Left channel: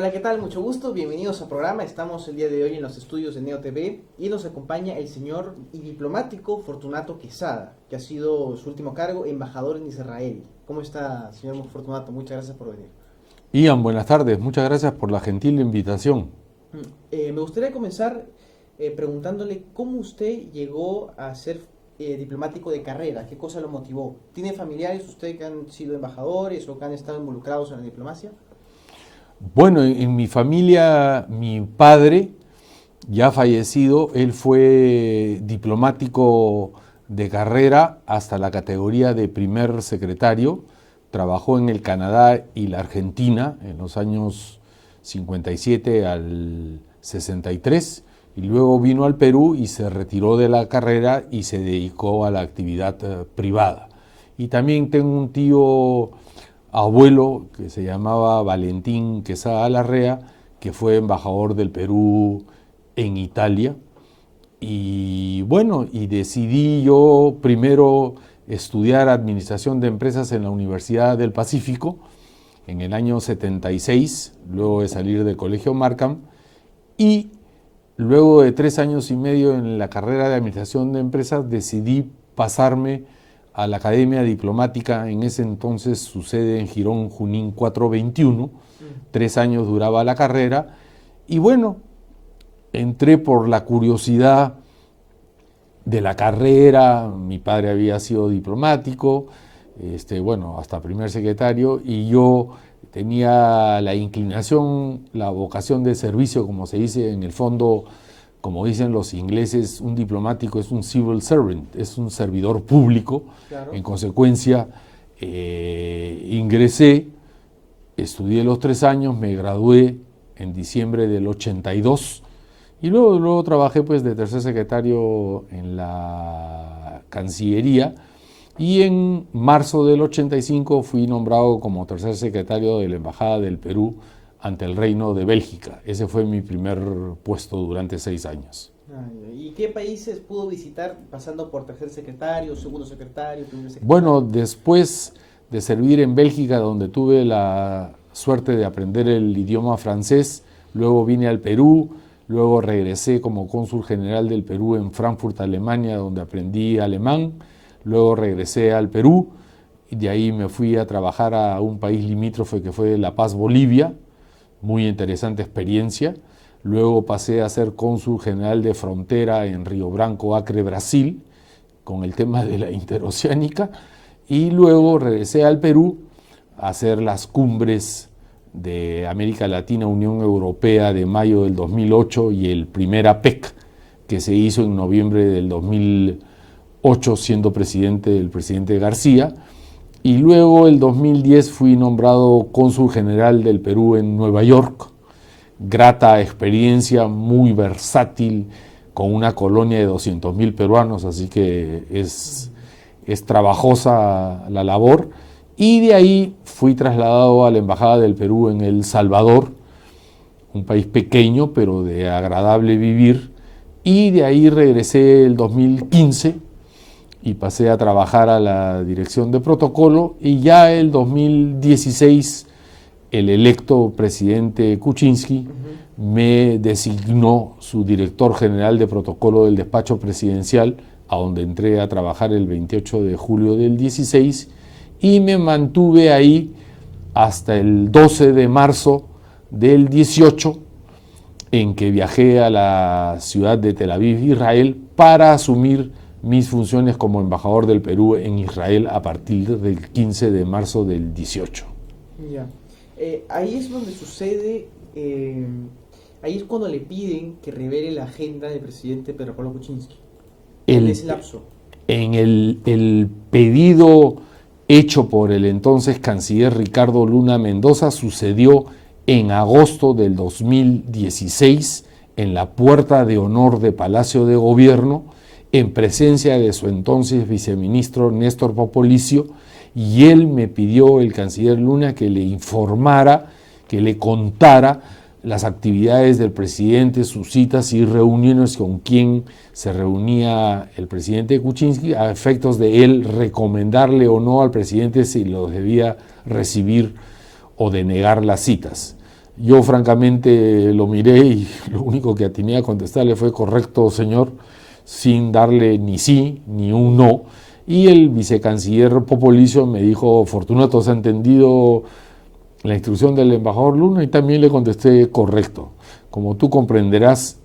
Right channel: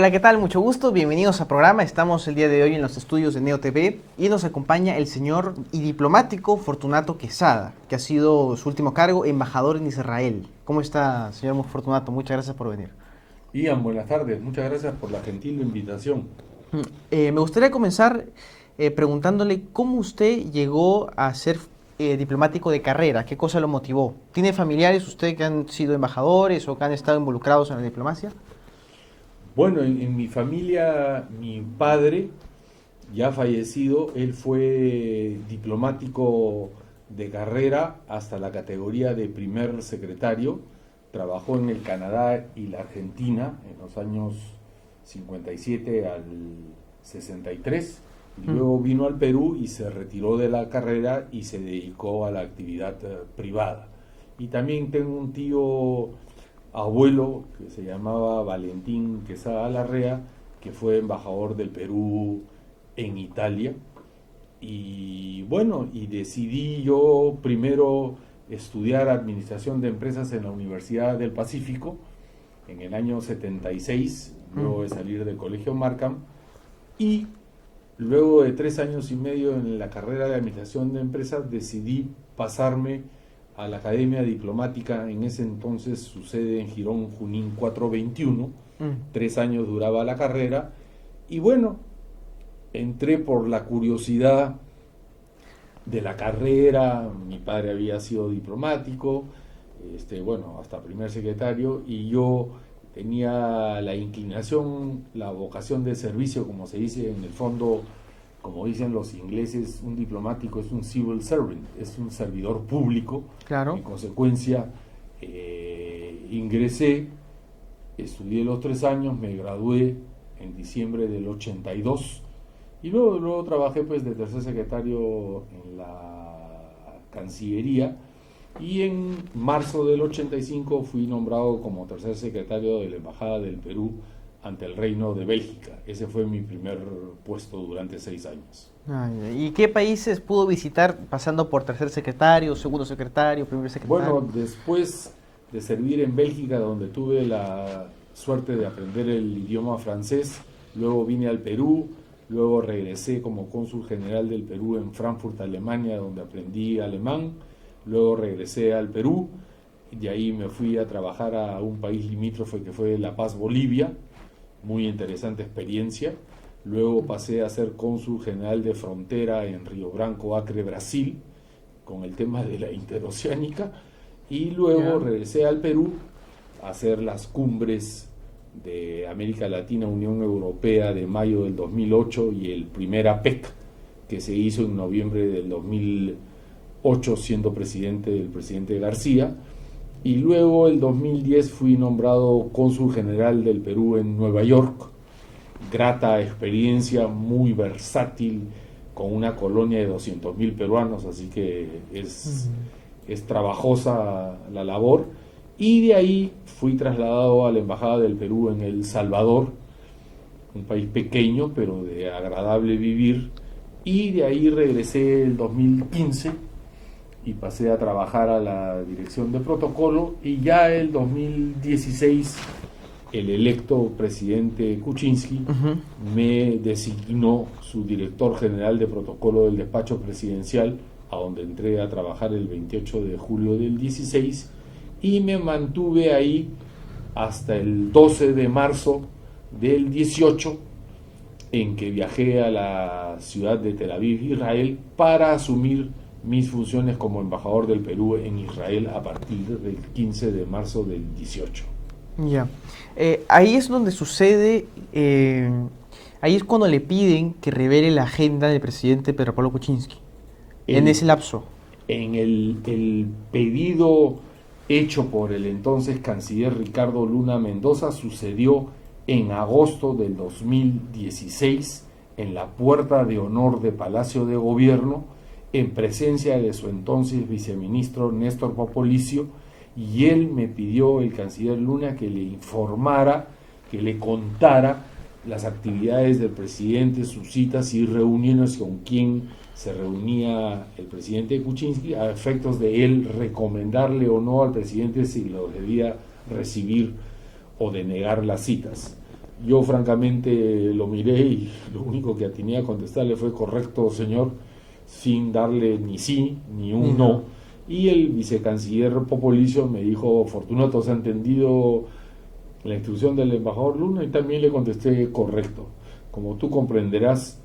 Hola, ¿qué tal? Mucho gusto, bienvenidos al programa. Estamos el día de hoy en los estudios de Neo TV y nos acompaña el señor y diplomático Fortunato Quesada, que ha sido su último cargo, embajador en Israel. ¿Cómo está, señor Fortunato? Muchas gracias por venir. Ian, buenas tardes. Muchas gracias por la gentil invitación. Me gustaría comenzar preguntándole cómo usted llegó a ser diplomático de carrera, qué cosa lo motivó. ¿Tiene familiares usted que han sido embajadores o que han estado involucrados en la diplomacia? Bueno, en mi familia, mi padre, ya fallecido, él fue diplomático de carrera hasta la categoría de primer secretario. Trabajó en el Canadá y la Argentina en los años 57 al 63 y luego vino al Perú y se retiró de la carrera y se dedicó a la actividad privada. Y también tengo un tío abuelo que se llamaba Valentín Quesada Larrea, que fue embajador del Perú en Italia. Y bueno, y decidí yo primero estudiar administración de empresas en la Universidad del Pacífico en el año 76, luego de salir del Colegio Markham, y luego de 3 años y medio en la carrera de administración de empresas decidí pasarme a la Academia Diplomática. En ese entonces su sede en Girón Junín 421, 3 años duraba la carrera, y bueno, entré por la curiosidad de la carrera. Mi padre había sido diplomático, bueno, hasta primer secretario, y yo tenía la inclinación, la vocación de servicio, como se dice en el fondo, como dicen los ingleses, un diplomático es un civil servant, es un servidor público. Claro. En consecuencia, ingresé, estudié los 3 años, me gradué en diciembre del 82 y luego trabajé pues de tercer secretario en la Cancillería, y en marzo del 85 fui nombrado como tercer secretario de la Embajada del Perú ante el Reino de Bélgica. Ese fue mi primer puesto durante 6 años. ¿Y qué países pudo visitar pasando por tercer secretario, segundo secretario, primer Bueno, secretario? después de servir en Bélgica, donde tuve la suerte de aprender el idioma francés, luego vine al Perú, luego regresé como cónsul general del Perú en Frankfurt, Alemania, donde aprendí alemán, luego regresé al Perú y de ahí me fui a trabajar a un país limítrofe que fue La Paz, Bolivia, muy interesante experiencia. Luego pasé a ser cónsul general de frontera en Río Branco, Acre, Brasil, con el tema de la interoceánica, y luego regresé al Perú a hacer las cumbres de América Latina, Unión Europea de mayo del 2008 y el primer APEC que se hizo en noviembre del 2008 siendo presidente el presidente García. Y luego el 2010 fui nombrado cónsul general del Perú en Nueva York. Grata experiencia, muy versátil, con una colonia de 200.000 peruanos, así que es trabajosa la labor. Y de ahí fui trasladado a la Embajada del Perú en El Salvador, un país pequeño pero de agradable vivir. Y de ahí regresé el 2015 y pasé a trabajar a la dirección de protocolo, y ya el 2016 el electo presidente Kuczynski me designó su director general de protocolo del despacho presidencial, a donde entré a trabajar el 28 de julio del 16 y me mantuve ahí hasta el 12 de marzo del 18, en que viajé a la ciudad de Tel Aviv, Israel, para asumir mis funciones como embajador del Perú en Israel a partir del 15 de marzo del 18. Ya. Ahí es donde sucede, ahí es cuando le piden que revele la agenda del presidente Pedro Pablo Kuczynski. En ese lapso. En el pedido hecho por el entonces canciller Ricardo Luna Mendoza sucedió en agosto del 2016 en la puerta de honor de Palacio de Gobierno, en presencia de su entonces viceministro Néstor Popolicio, y él me pidió, el canciller Luna, que le informara, que le contara las actividades del presidente, sus citas y reuniones con quien se reunía el presidente Kuczynski, a efectos de él recomendarle o no al presidente si lo debía recibir o denegar las citas. Yo francamente lo miré y lo único que atiné a contestarle fue correcto, señor, sin darle ni sí ni un no. Y el vicecanciller Popolizio me dijo, Fortunato, ¿has entendido la instrucción del embajador Luna? Y también le contesté correcto. Como tú comprenderás,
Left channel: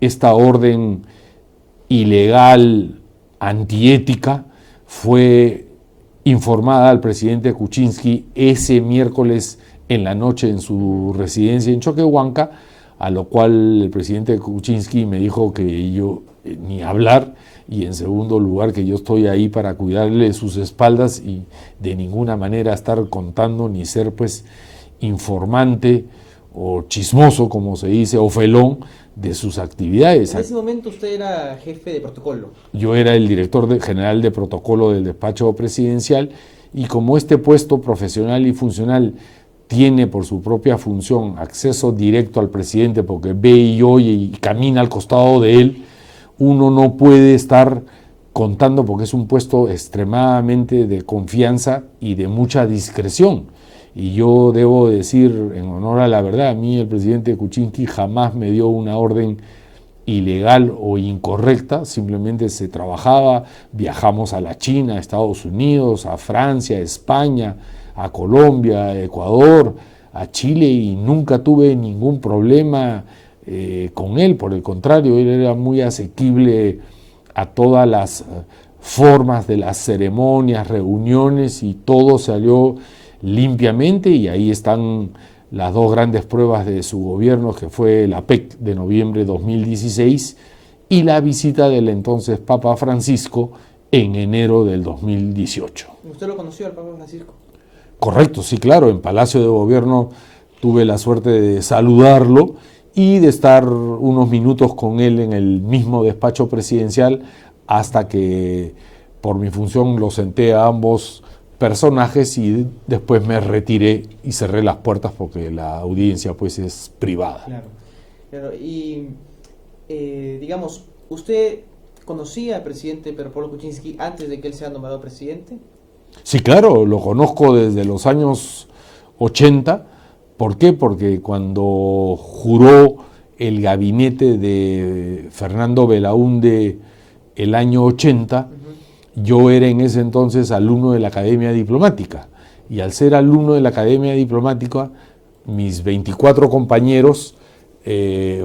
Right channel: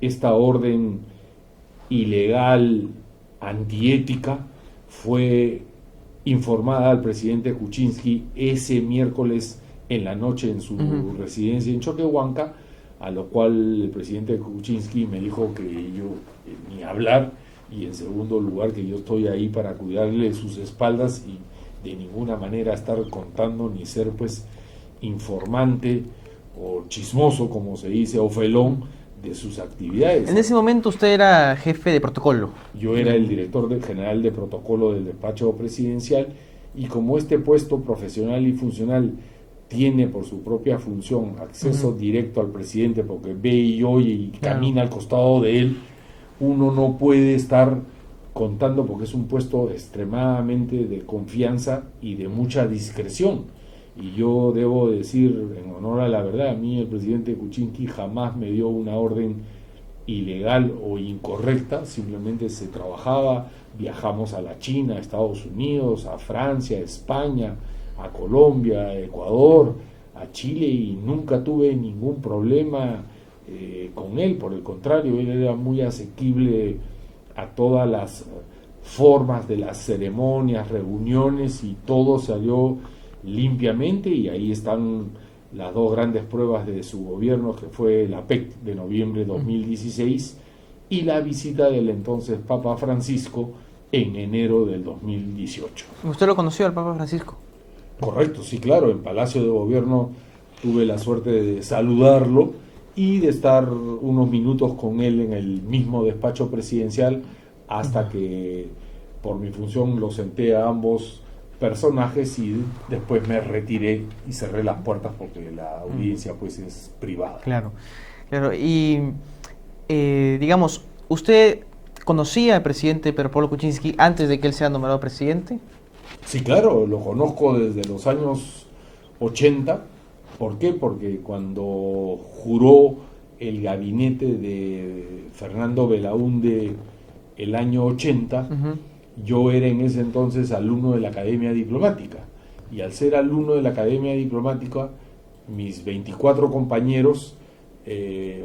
esta orden ilegal, antiética, fue informada al presidente Kuczynski ese miércoles en la noche en su residencia en Choquehuanca, a lo cual el presidente Kuczynski me dijo que yo ni hablar, y en segundo lugar que yo estoy ahí para cuidarle sus espaldas y de ninguna manera estar contando ni ser pues informante o chismoso, como se dice, o felón de sus actividades. En ese momento usted era jefe de protocolo. Yo era el director general de protocolo del despacho presidencial, y como este puesto profesional y funcional tiene por su propia función acceso directo al presidente, porque ve y oye y camina al costado de él, uno no puede estar contando, porque es un puesto extremadamente de confianza y de mucha discreción. Y yo debo decir, en honor a la verdad, a mí el presidente Kuczynski jamás me dio una orden ilegal o incorrecta, simplemente se trabajaba, viajamos a la China, a Estados Unidos, a Francia, a España, a Colombia, a Ecuador, a Chile, y nunca tuve ningún problema con él. Por el contrario, él era muy asequible a todas las formas de las ceremonias, reuniones, y todo salió limpiamente, y ahí están las dos grandes pruebas de su gobierno, que fue la PEC de noviembre de 2016 y la visita del entonces Papa Francisco en enero del 2018. ¿Usted lo conoció al Papa Francisco? Correcto, sí, claro, en Palacio de Gobierno tuve la suerte de saludarlo y de estar unos minutos con él en el mismo despacho presidencial, hasta que por mi función lo senté a ambos personajes y después me retiré y cerré las puertas porque la audiencia pues es privada. Claro, claro. Y digamos, ¿usted conocía al presidente Pedro Pablo Kuczynski antes de que él sea nombrado presidente? Sí, claro, lo conozco desde los años 80. ¿Por qué? Porque cuando juró el gabinete de Fernando Belaúnde el año 80, yo era en ese entonces alumno de la Academia Diplomática, y al ser alumno de la Academia Diplomática, mis 24 compañeros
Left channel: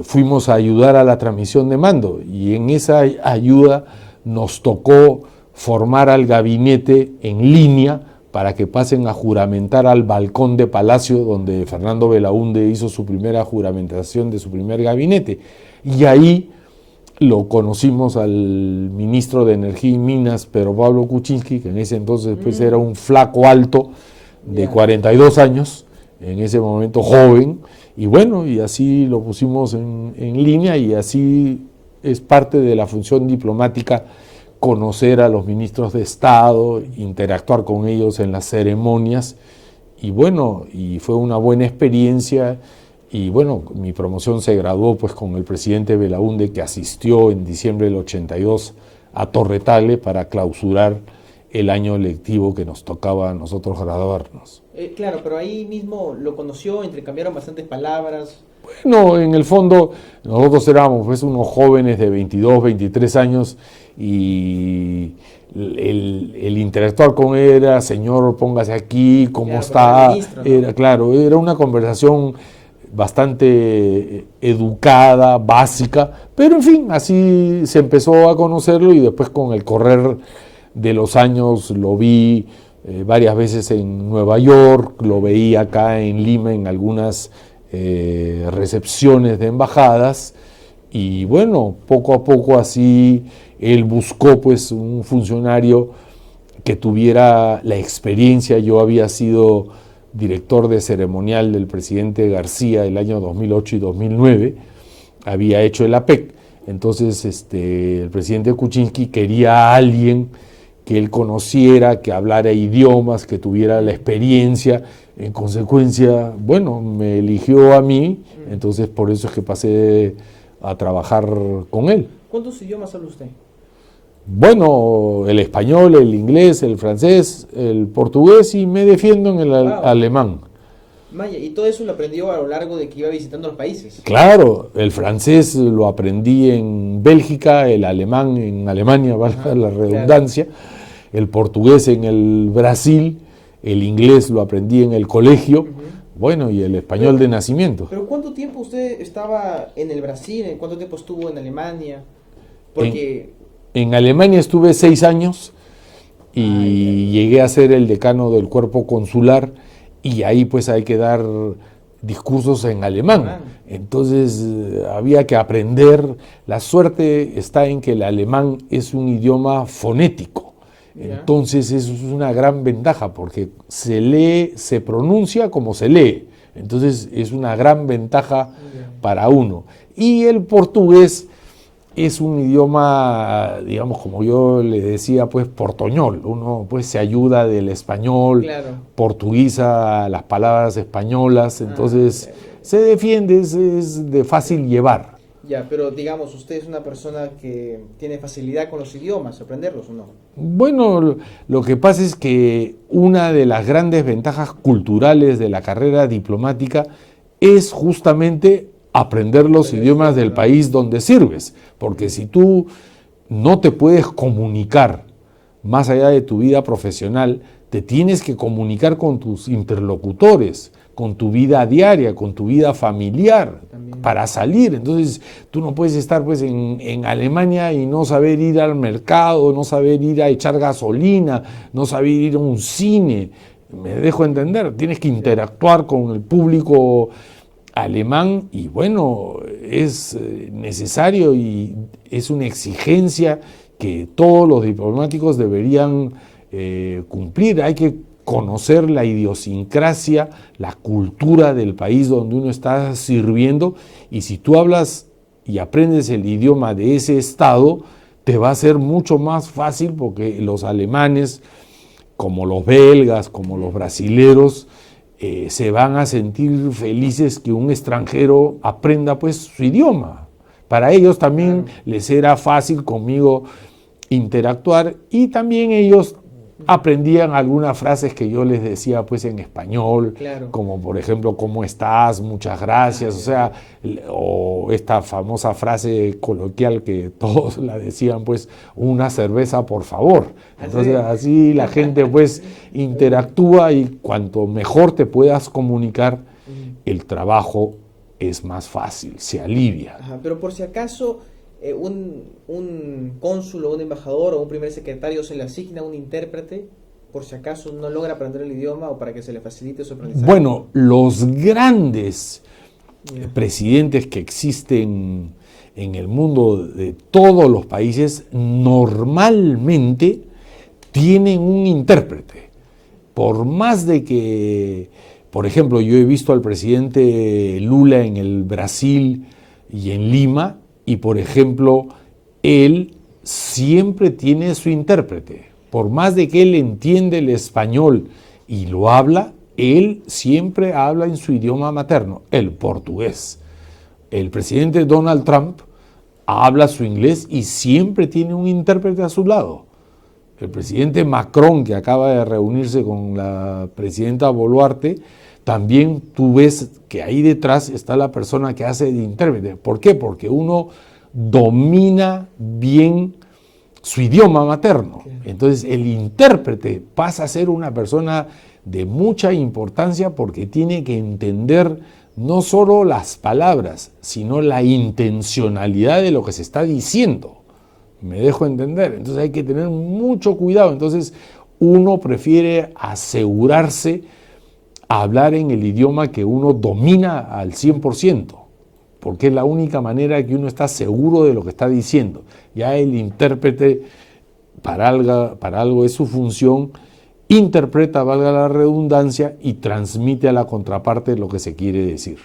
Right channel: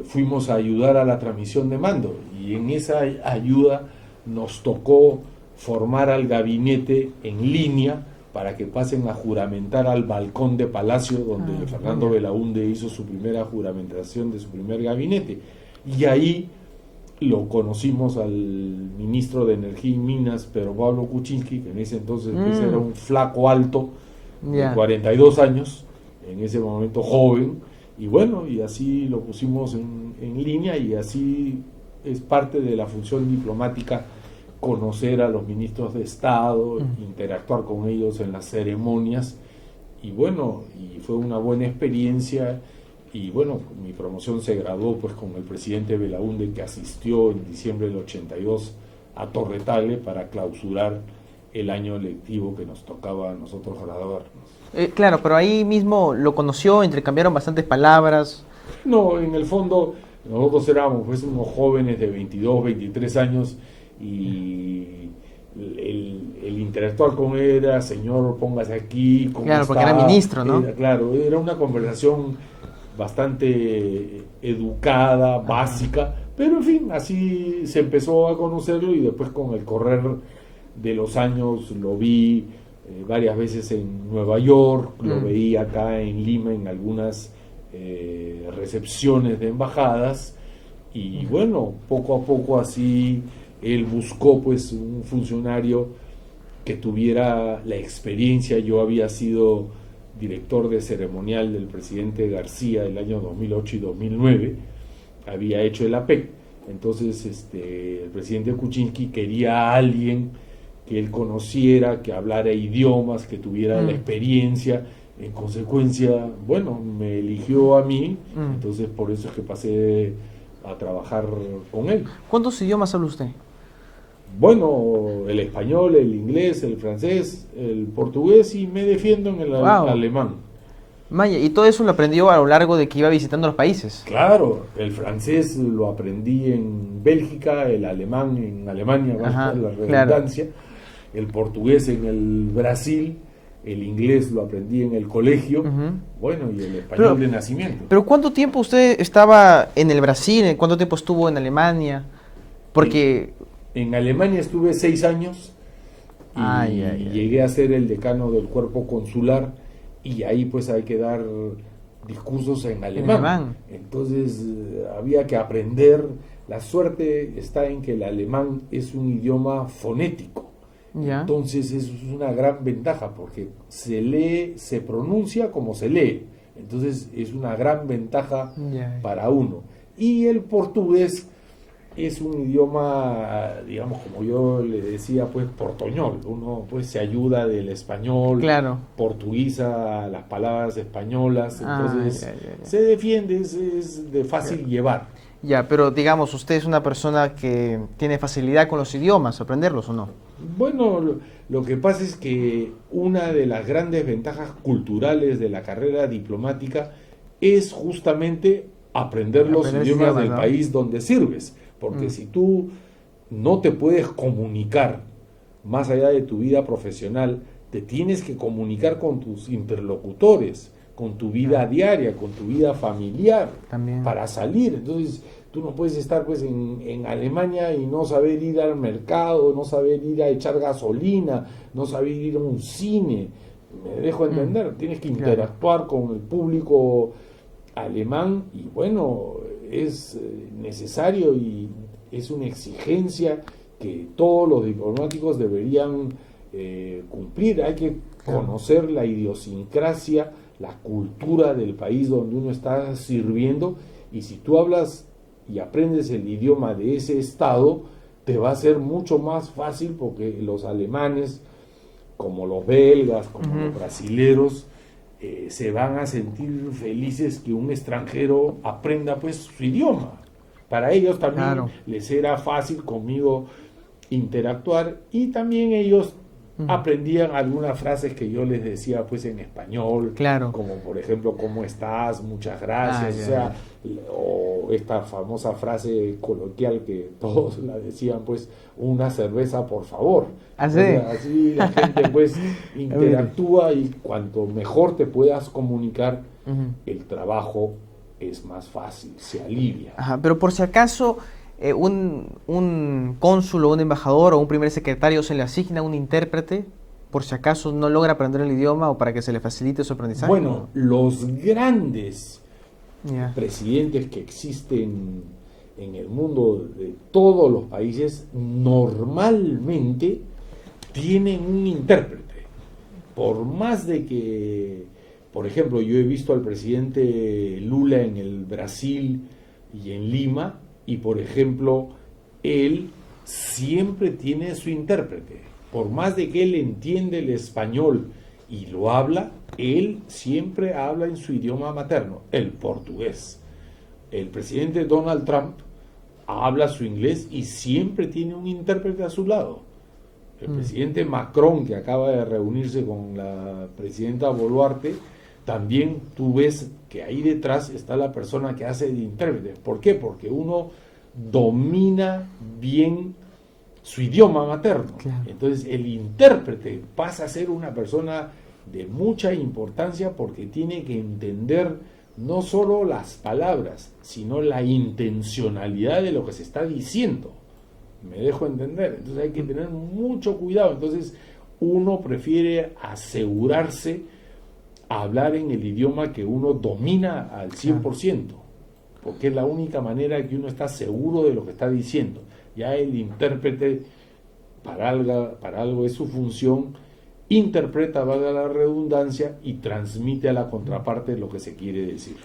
fuimos a ayudar a la transmisión de mando, y en esa ayuda nos tocó formar al gabinete en línea para que pasen a juramentar al balcón de Palacio, donde Fernando Belaúnde hizo su primera juramentación de su primer gabinete. Y ahí lo conocimos al ministro de Energía y Minas, Pedro Pablo Kuczynski, que en ese entonces pues era un flaco alto de 42 años, en ese momento joven, y bueno, y así lo pusimos en línea, y así es parte de la función diplomática, conocer a los ministros de Estado, interactuar con ellos en las ceremonias, y bueno, y fue una buena experiencia. Y bueno, mi promoción se graduó pues con el presidente Belaúnde, que asistió en diciembre del 82 a Torretale para clausurar el año lectivo que nos tocaba a nosotros graduarnos. Claro, pero ahí mismo lo conoció, intercambiaron bastantes palabras. Bueno, en el fondo nosotros éramos pues unos jóvenes de 22, 23 años, y el interactuar con él era, señor, póngase aquí, ¿cómo claro, está? Era ministro, ¿no? Era una conversación bastante educada, básica, pero en fin, así se empezó a conocerlo, y después con el correr de los años lo vi varias veces en Nueva York, lo veía acá en Lima en algunas recepciones de embajadas, y bueno, poco a poco así él buscó pues un funcionario que tuviera la experiencia. Yo había sido director de ceremonial del presidente García el año 2008 y 2009, había hecho el APEC, entonces el presidente Kuczynski quería a alguien que él conociera, que hablara idiomas, que tuviera la experiencia. En consecuencia, bueno, me eligió a mí, entonces por eso es que pasé a trabajar con él. ¿Cuántos idiomas habla usted? Bueno, el español, el inglés, el francés, el portugués, y me defiendo en el alemán. Maya, y todo eso lo aprendió a lo largo de que iba visitando los países. Claro, el francés lo aprendí en Bélgica, el alemán en Alemania, valga la redundancia, claro. El portugués en el Brasil, el inglés lo aprendí en el colegio, bueno, y el español de nacimiento. Pero ¿cuánto tiempo usted estaba en el Brasil? ¿Cuánto tiempo estuvo en Alemania? Porque... En Alemania estuve 6 años y llegué a ser el decano del cuerpo consular, y ahí pues hay que dar discursos en alemán. Entonces había que aprender. La suerte está en que el alemán es un idioma fonético. Entonces eso es una gran ventaja porque se lee, se pronuncia como se lee. Entonces es una gran ventaja para uno. Y el portugués es un idioma, digamos, como yo le decía, pues portoñol. Uno pues se ayuda del español, portuguesa las palabras españolas, entonces se defiende, es de fácil llevar. Ya, pero digamos, ¿usted es una persona que tiene facilidad con los idiomas, aprenderlos o no? Bueno, lo que pasa es que una de las grandes ventajas culturales de la carrera diplomática es justamente aprender los idiomas del país donde sirves. Porque si tú no te puedes comunicar más allá de tu vida profesional, te tienes que comunicar con tus interlocutores, con tu vida diaria, con tu vida familiar, para salir. Entonces, tú no puedes estar pues en Alemania y no saber ir al mercado, no saber ir a echar gasolina, no saber ir a un cine. Me dejo entender, tienes que interactuar con el público alemán y bueno, es necesario y es una exigencia que todos los diplomáticos deberían cumplir. Hay que conocer la idiosincrasia, la cultura del país donde uno está sirviendo, y si tú hablas y aprendes el idioma de ese estado, te va a ser mucho más fácil porque los alemanes, como los belgas, como los brasileros, se van a sentir felices que un extranjero aprenda pues su idioma. Para ellos también les era fácil conmigo interactuar, y también ellos aprendían algunas frases que yo les decía pues en español, como por ejemplo, ¿cómo estás? Muchas gracias, o esta famosa frase coloquial que todos la decían pues, una cerveza por favor. Entonces, así la gente pues interactúa, y cuanto mejor te puedas comunicar, el trabajo es más fácil, se alivia. Pero por si acaso un cónsul o un embajador o un primer secretario se le asigna un intérprete, por si acaso no logra aprender el idioma o para que se le facilite su aprendizaje. Bueno, los grandes presidentes que existen en el mundo de todos los países normalmente tienen un intérprete. Por más de que, por ejemplo, yo he visto al presidente Lula en el Brasil y en Lima, y por ejemplo, él siempre tiene su intérprete. Por más de que él entiende el español y lo habla, él siempre habla en su idioma materno, el portugués. El presidente Donald Trump habla su inglés y siempre tiene un intérprete a su lado. El presidente Macron, que acaba de reunirse con la presidenta Boluarte, también tú ves que ahí detrás está la persona que hace de intérprete. ¿Por qué? Porque uno domina bien su idioma materno. Entonces el intérprete pasa a ser una persona de mucha importancia porque tiene que entender no solo las palabras, sino la intencionalidad de lo que se está diciendo. Me dejo entender. Entonces hay que tener mucho cuidado. Entonces uno prefiere asegurarse a hablar en el idioma que uno domina al 100%, porque es la única manera que uno está seguro de lo que está diciendo. Ya el intérprete, para algo es su función, interpreta, valga la redundancia, y transmite a la contraparte lo que se quiere decir.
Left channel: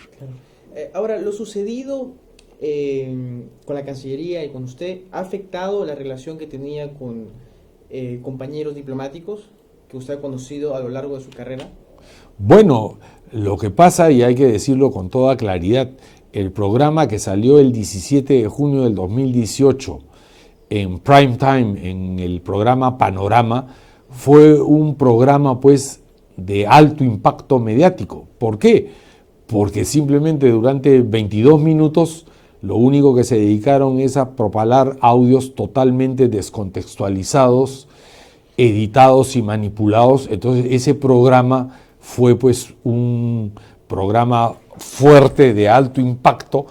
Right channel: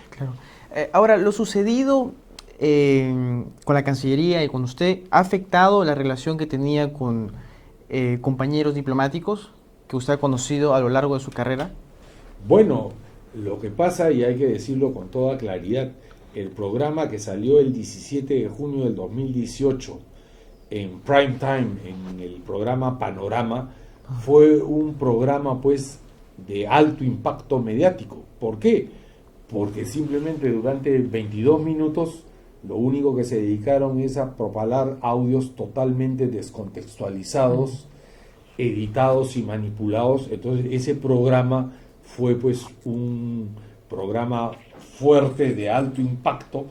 Ahora, lo sucedido con la Cancillería y con usted, ¿ha afectado la relación que tenía con compañeros diplomáticos que usted ha conocido a lo largo de su carrera? Bueno, lo que pasa, y hay que decirlo con toda claridad, el programa que salió el 17 de junio del 2018 en prime time, en el programa Panorama, fue un programa pues de alto impacto mediático. ¿Por qué? Porque simplemente durante 22 minutos lo único que se dedicaron es a propalar audios totalmente descontextualizados, editados y manipulados. Entonces ese programa fue pues un programa fuerte de alto impacto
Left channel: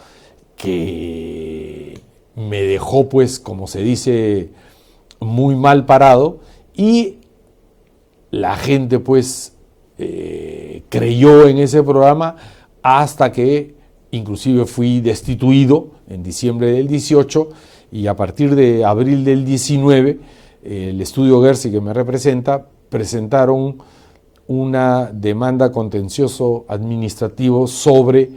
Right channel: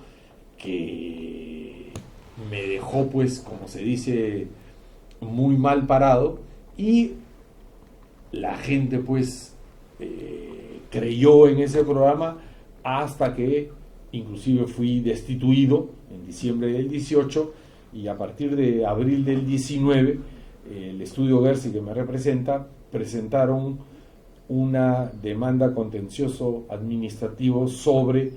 que me dejó pues, como se dice, muy mal parado, y la gente pues creyó en ese programa hasta que inclusive fui destituido en diciembre del 18, y a partir de abril del 19 el estudio Gersi que me representa presentaron una demanda contencioso administrativo sobre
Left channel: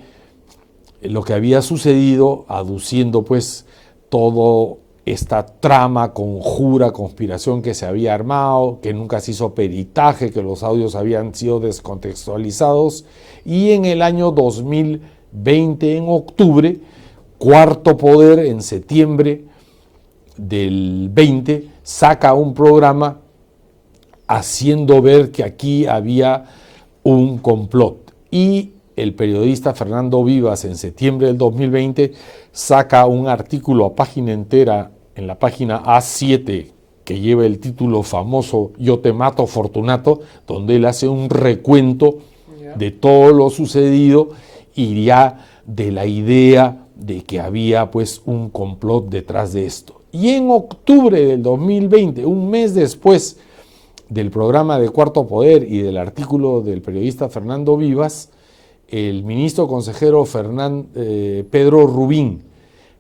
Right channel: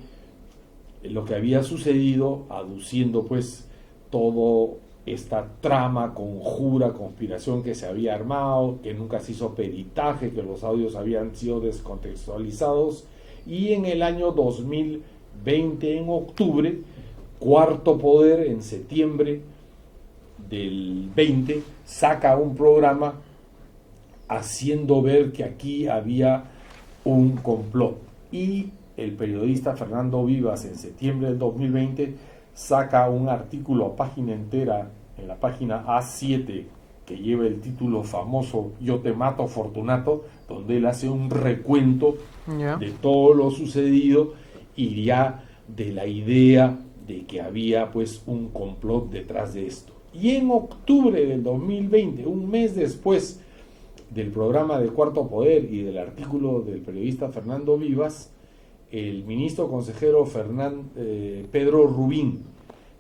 lo que había sucedido, aduciendo pues toda esta trama, conjura, conspiración que se había armado, que nunca se hizo peritaje, que los audios habían sido descontextualizados. Y en el año 2020, en octubre, Cuarto Poder, en septiembre del 20, saca un programa haciendo ver que aquí había un complot. Y el periodista Fernando Vivas, en septiembre del 2020, saca un artículo a página entera en la página A7 que lleva el título famoso Yo te mato, Fortunato, donde él hace un recuento de todo lo sucedido y ya de la idea de que había pues un complot detrás de esto. Y en octubre del 2020, un mes después del programa de Cuarto Poder y del artículo del periodista Fernando Vivas, el ministro consejero Pedro Rubín,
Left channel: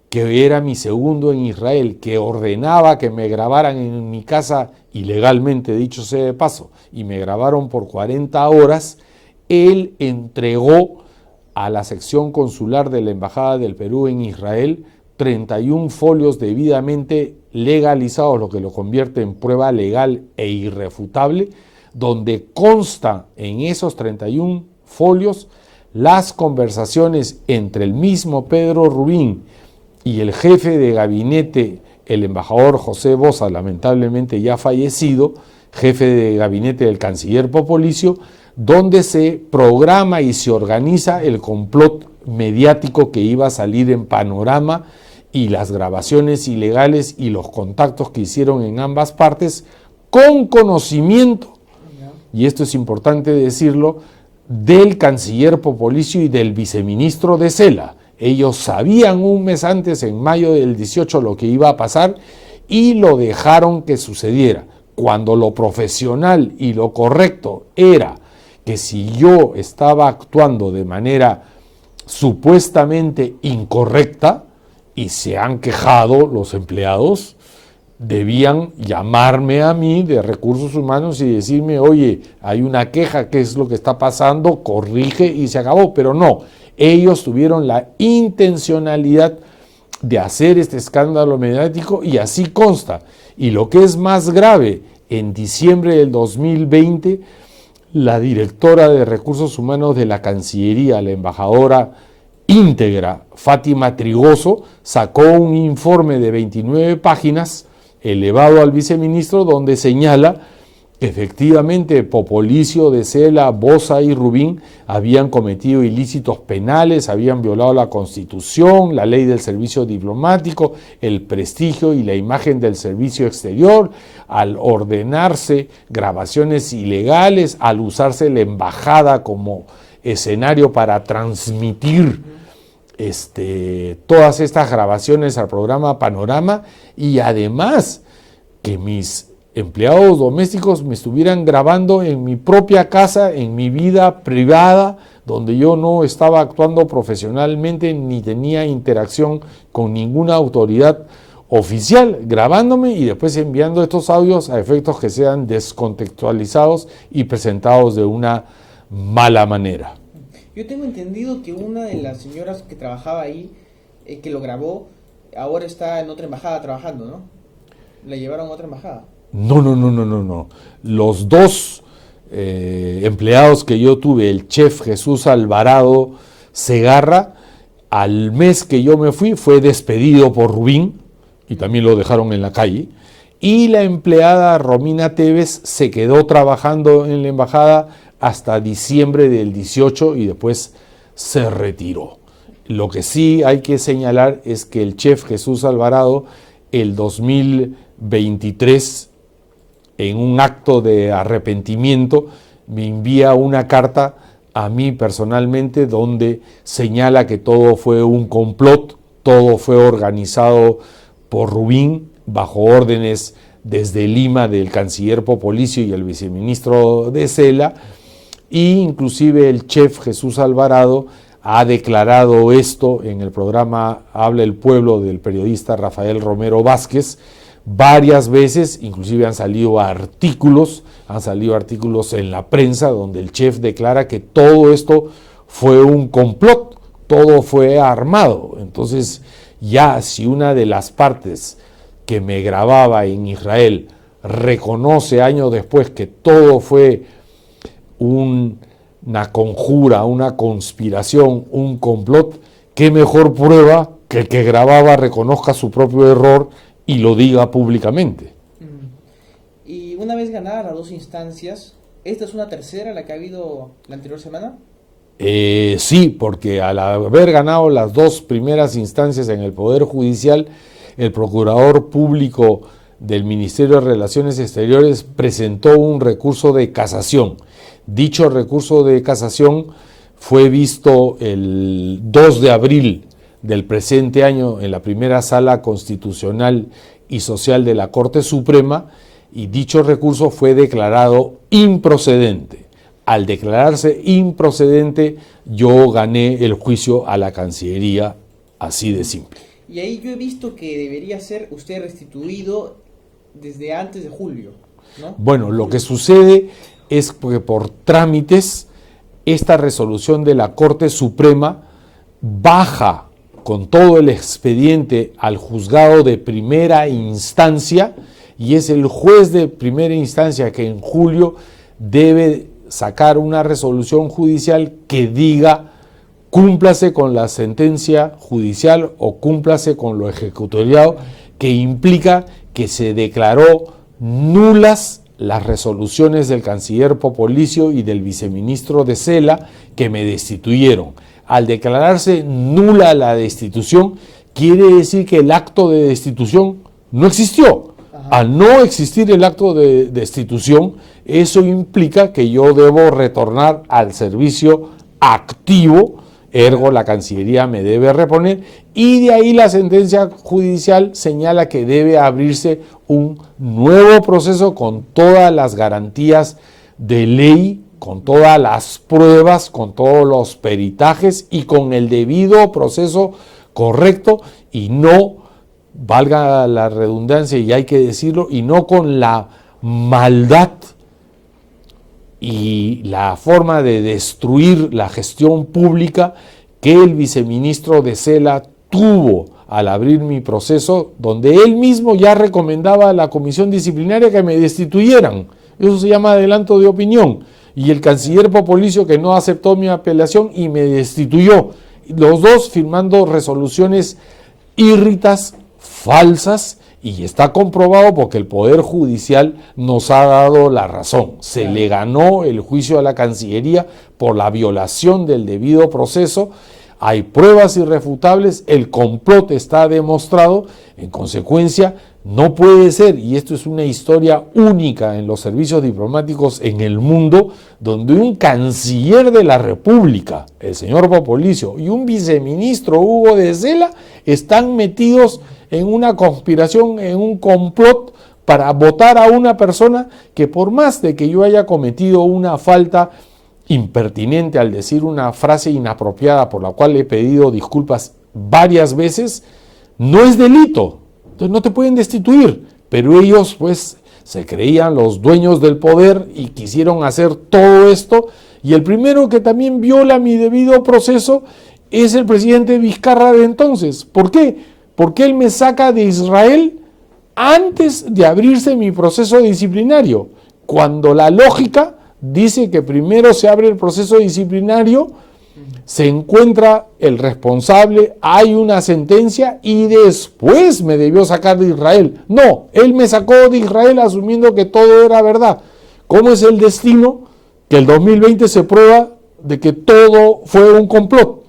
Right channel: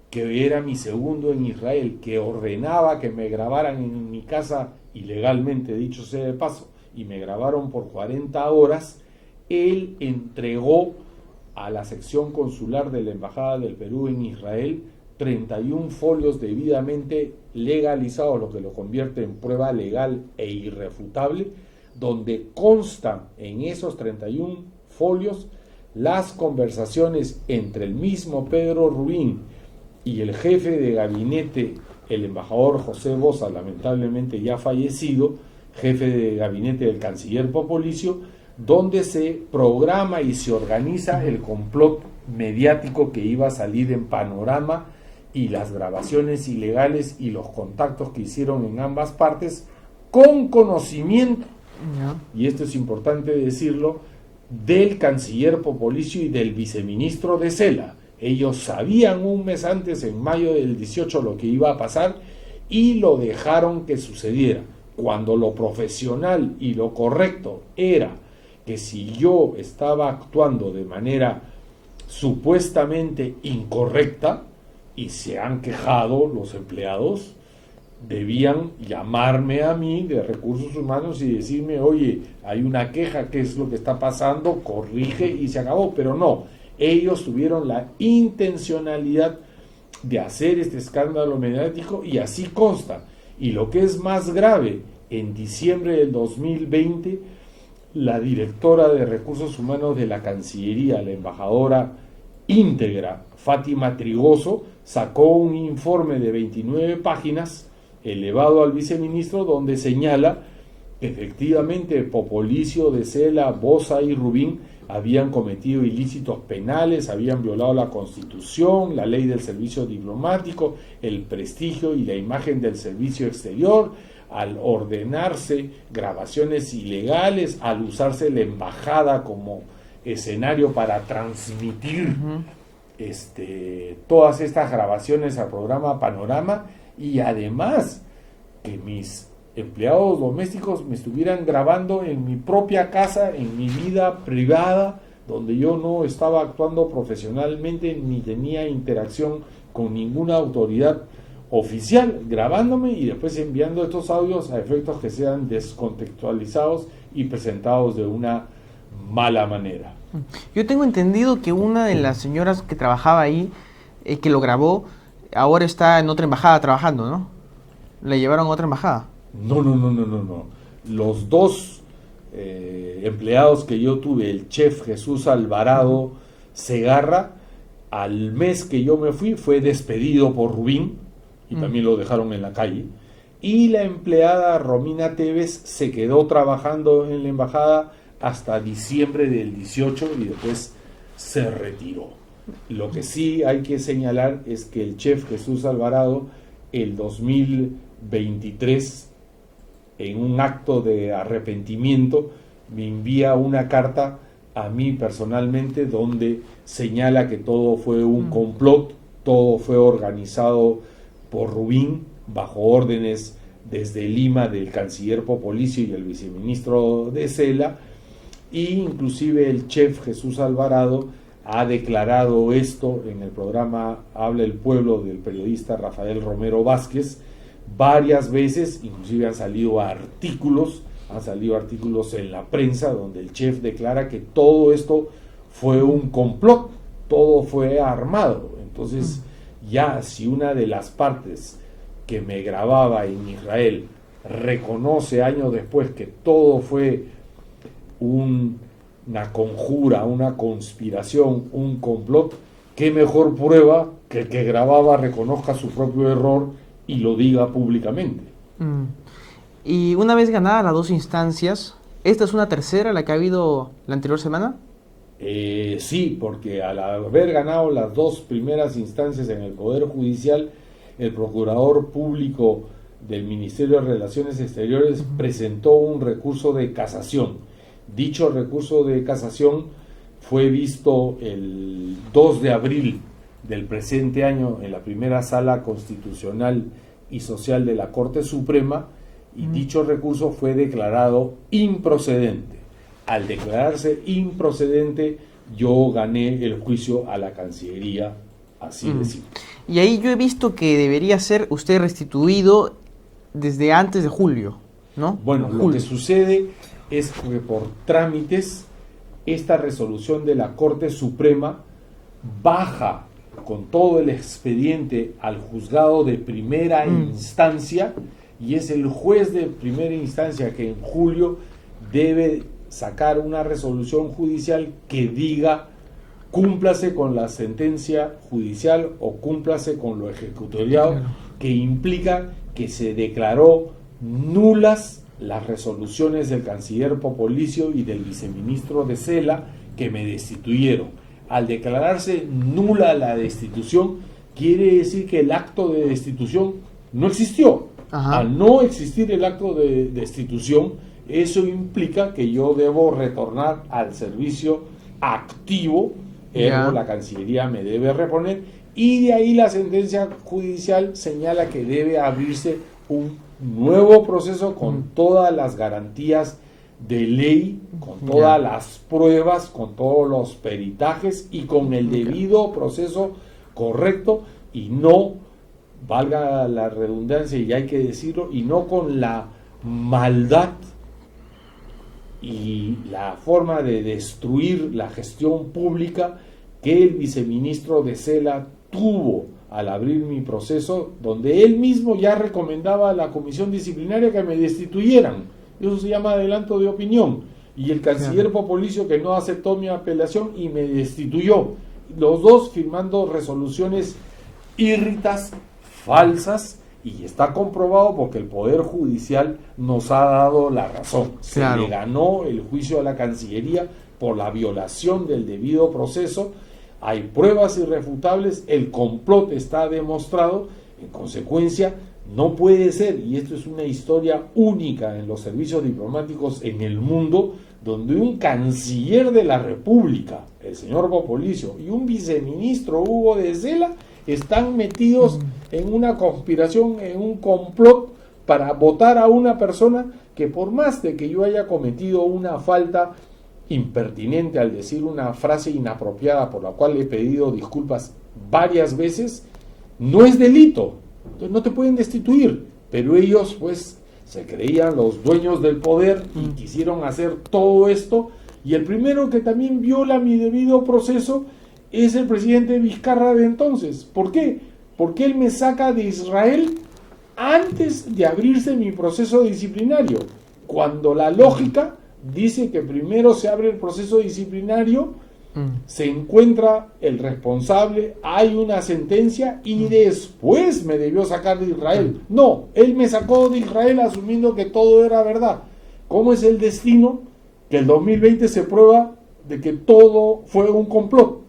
que era mi segundo en Israel, que ordenaba que me grabaran en mi casa ilegalmente, dicho sea de paso, y me grabaron por 40 horas, él entregó a la sección consular de la Embajada del Perú en Israel 31 folios debidamente legalizados, lo que lo convierte en prueba legal e irrefutable, donde consta en esos 31 folios las conversaciones entre el mismo Pedro Rubín y el jefe de gabinete, el embajador José Boza, lamentablemente ya fallecido, jefe de gabinete del canciller Popolicio, donde se programa y se organiza el complot mediático que iba a salir en Panorama, y las grabaciones ilegales y los contactos que hicieron en ambas partes con conocimiento, y esto es importante decirlo, del canciller Popolicio y del viceministro de Cela. Ellos sabían un mes antes, en mayo del 18, lo que iba a pasar y lo dejaron que sucediera, cuando lo profesional y lo correcto era que si yo estaba actuando de manera supuestamente incorrecta, y se han quejado los empleados, debían llamarme a mí de Recursos Humanos y decirme, oye, hay una queja, ¿qué es lo que está pasando? Corrige y se acabó. Pero no, ellos tuvieron la intencionalidad de hacer este escándalo mediático, y así consta. Y lo que es más grave, en diciembre del 2020, la directora de Recursos Humanos de la Cancillería, la embajadora íntegra, Fátima Trigoso, sacó un informe de 29 páginas elevado al viceministro, donde señala que efectivamente Popolicio, de Cela, Boza y Rubín habían cometido ilícitos penales, habían violado la Constitución, la ley del servicio diplomático, el prestigio y la imagen del servicio exterior, al ordenarse grabaciones ilegales, al usarse la embajada como escenario para transmitir todas estas grabaciones al programa Panorama, y además que mis empleados domésticos me estuvieran grabando en mi propia casa, en mi vida privada, donde yo no estaba actuando profesionalmente ni tenía interacción con ninguna autoridad oficial, grabándome y después enviando estos audios a efectos que sean descontextualizados y presentados de una mala manera. Yo tengo entendido que una de las señoras que trabajaba ahí, que lo grabó, ahora está en otra embajada trabajando, ¿no? ¿La llevaron a otra embajada? No. Los dos empleados que yo tuve, el chef Jesús Alvarado Segarra, al mes que yo me fui, fue despedido por Rubín, y también lo dejaron en la calle, y la empleada Romina Tevez se quedó trabajando en la embajada hasta diciembre del 18 y después se retiró. Lo que sí hay que señalar es que el chef Jesús Alvarado, el 2023, en un acto de arrepentimiento, me envía una carta a mí personalmente donde señala que todo fue un complot, todo fue organizado por Rubín bajo órdenes desde Lima del canciller Popolicio y el viceministro de Cela, e inclusive el chef Jesús Alvarado ha declarado esto en el programa Habla el Pueblo del periodista Rafael Romero Vázquez varias veces, inclusive han salido artículos en la prensa donde el chef declara que todo esto fue un complot, todo fue armado. Entonces ya si una de las partes que me grababa en Israel reconoce años después que todo fue una conjura, una conspiración, un complot, qué mejor prueba que el que grababa reconozca su propio error y lo diga públicamente. Y una vez ganadas las dos instancias, ¿esta es una tercera, la que ha habido la anterior semana? Sí, porque al haber ganado las dos primeras instancias en el Poder Judicial, el Procurador Público del Ministerio de Relaciones Exteriores presentó un recurso de casación. Dicho recurso de casación fue visto el 2 de abril del presente año en la primera Sala Constitucional y Social de la Corte Suprema, y dicho recurso fue declarado improcedente. Al declararse improcedente, yo gané el juicio a la Cancillería, así de simple. Y ahí yo he visto que debería ser usted restituido desde antes de julio, ¿no? Bueno, lo que sucede es que por trámites, esta resolución de la Corte Suprema baja con todo el expediente al juzgado de primera instancia, y es el juez de primera instancia que en julio debe sacar una resolución judicial que diga cúmplase con la sentencia judicial o cúmplase con lo ejecutoriado, que implica que se declaró nulas las resoluciones del canciller Popolicio y del viceministro de Cela que me destituyeron. Al declararse nula la destitución, quiere decir que el acto de destitución no existió. Ajá. Al no existir el acto de destitución, eso implica que yo debo retornar al servicio activo, ergo la Cancillería me debe reponer, y de ahí la sentencia judicial señala que debe abrirse un nuevo proceso con todas las garantías de ley, con todas las pruebas, con todos los peritajes y con el debido proceso correcto, y no, valga la redundancia y hay que decirlo, y no con la maldad y la forma de destruir la gestión pública que el viceministro de Cela tuvo al abrir mi proceso, donde él mismo ya recomendaba a la comisión disciplinaria que me destituyeran. Eso se llama adelanto de opinión. Y el canciller Popolicio, que no aceptó mi apelación y me destituyó. Los dos firmando resoluciones írritas, falsas, y está comprobado porque el Poder Judicial nos ha dado la razón. Se le ganó el juicio a la Cancillería por la violación del debido proceso. Hay pruebas irrefutables, el complot está demostrado, en consecuencia no puede ser, y esto es una historia única en los servicios diplomáticos en el mundo, donde un canciller de la República, el señor Popolicio, y un viceministro, Hugo de Cela, están metidos en una conspiración, en un complot para votar a una persona que, por más de que yo haya cometido una falta impertinente al decir una frase inapropiada por la cual he pedido disculpas varias veces, no es delito. Entonces no te pueden destituir, pero ellos pues se creían los dueños del poder y quisieron hacer todo esto, y el primero que también viola mi debido proceso es el presidente Vizcarra de entonces. ¿Por qué? Porque él me saca de Israel antes de abrirse mi proceso disciplinario, cuando la lógica dice que primero se abre el proceso disciplinario, se encuentra el responsable, hay una sentencia y después me debió sacar de Israel. No, él me sacó de Israel asumiendo que todo era verdad. ¿Cómo es el destino? que el 2020 se prueba de que todo fue un complot.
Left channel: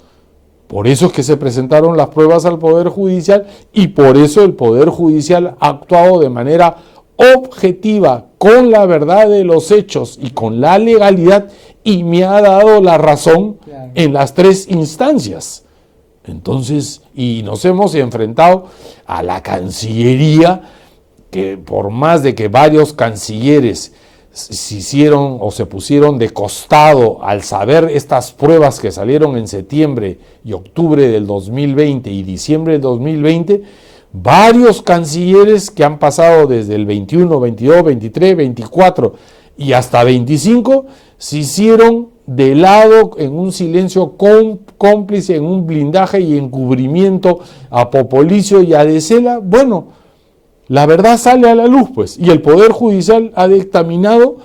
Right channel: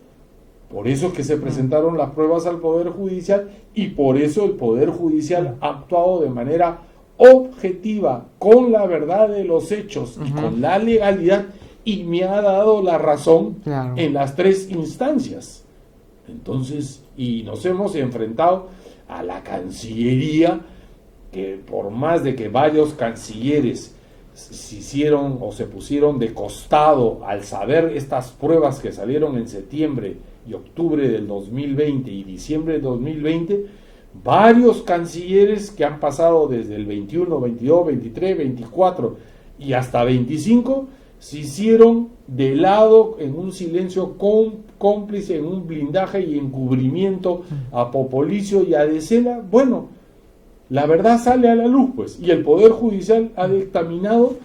Por eso es que se presentaron las pruebas al Poder Judicial y por eso el Poder Judicial ha actuado de manera objetiva, con la verdad de los hechos y con la legalidad, y me ha dado la razón en las 3 instancias. Entonces, y nos hemos enfrentado a la Cancillería, que por más de que varios cancilleres se hicieron o se pusieron de costado al saber estas pruebas que salieron en septiembre y octubre del 2020 y diciembre del 2020, varios cancilleres que han pasado desde el 21, 22, 23, 24 y hasta 25 se hicieron de lado en un silencio cómplice, en un blindaje y encubrimiento a Popolicio y a De Sela. Bueno, la verdad sale a la luz, pues, y el Poder Judicial ha dictaminado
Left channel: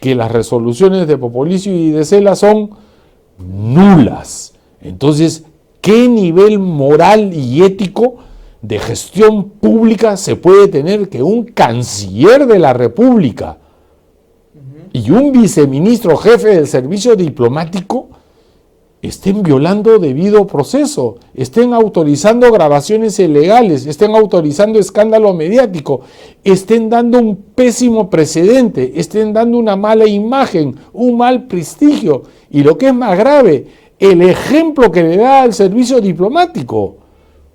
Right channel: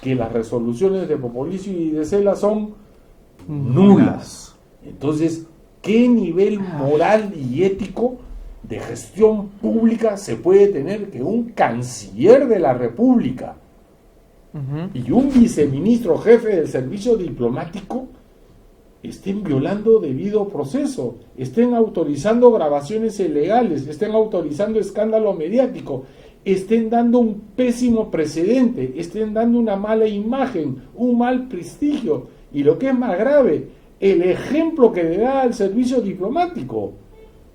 que las resoluciones de Popolicio y De Sela son nulas. Entonces, ¿qué nivel moral y ético de gestión pública se puede tener que un canciller de la República y un viceministro jefe del servicio diplomático estén violando debido proceso, estén autorizando grabaciones ilegales, estén autorizando escándalo mediático, estén dando un pésimo precedente, estén dando una mala imagen, un mal prestigio, y lo que es más grave, el ejemplo que le da al servicio diplomático?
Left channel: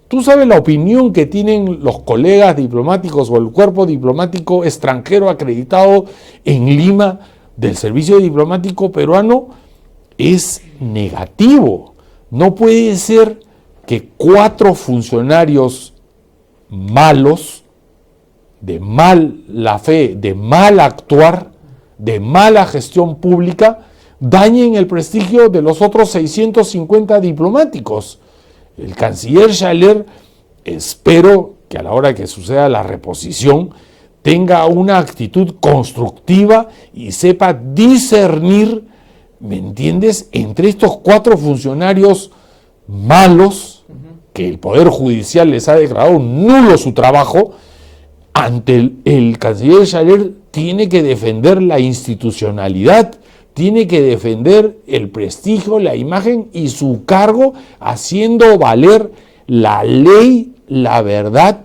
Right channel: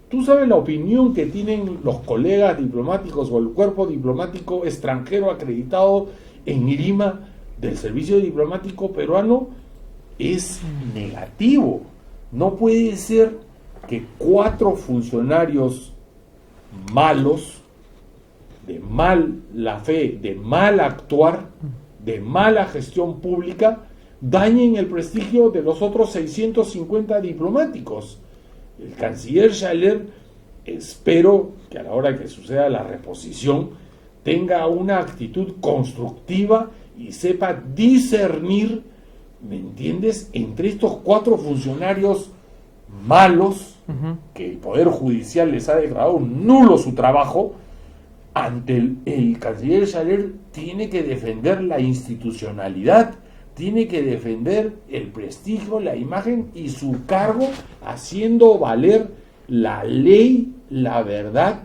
Tú sabes la opinión que tienen los colegas diplomáticos o el cuerpo diplomático extranjero acreditado en Lima del servicio diplomático peruano. Es negativo. No puede ser que 4 funcionarios malos, de mala fe, de mal actuar, de mala gestión pública, dañen el prestigio de los otros 650 diplomáticos. El canciller Schaller, espero que a la hora que suceda la reposición tenga una actitud constructiva y sepa discernir, ¿me entiendes?, entre estos 4 funcionarios malos, que el Poder Judicial les ha declarado nulo su trabajo. Ante el canciller Schaller tiene que defender la institucionalidad, tiene que defender el prestigio, la imagen y su cargo, haciendo valer la ley, la verdad,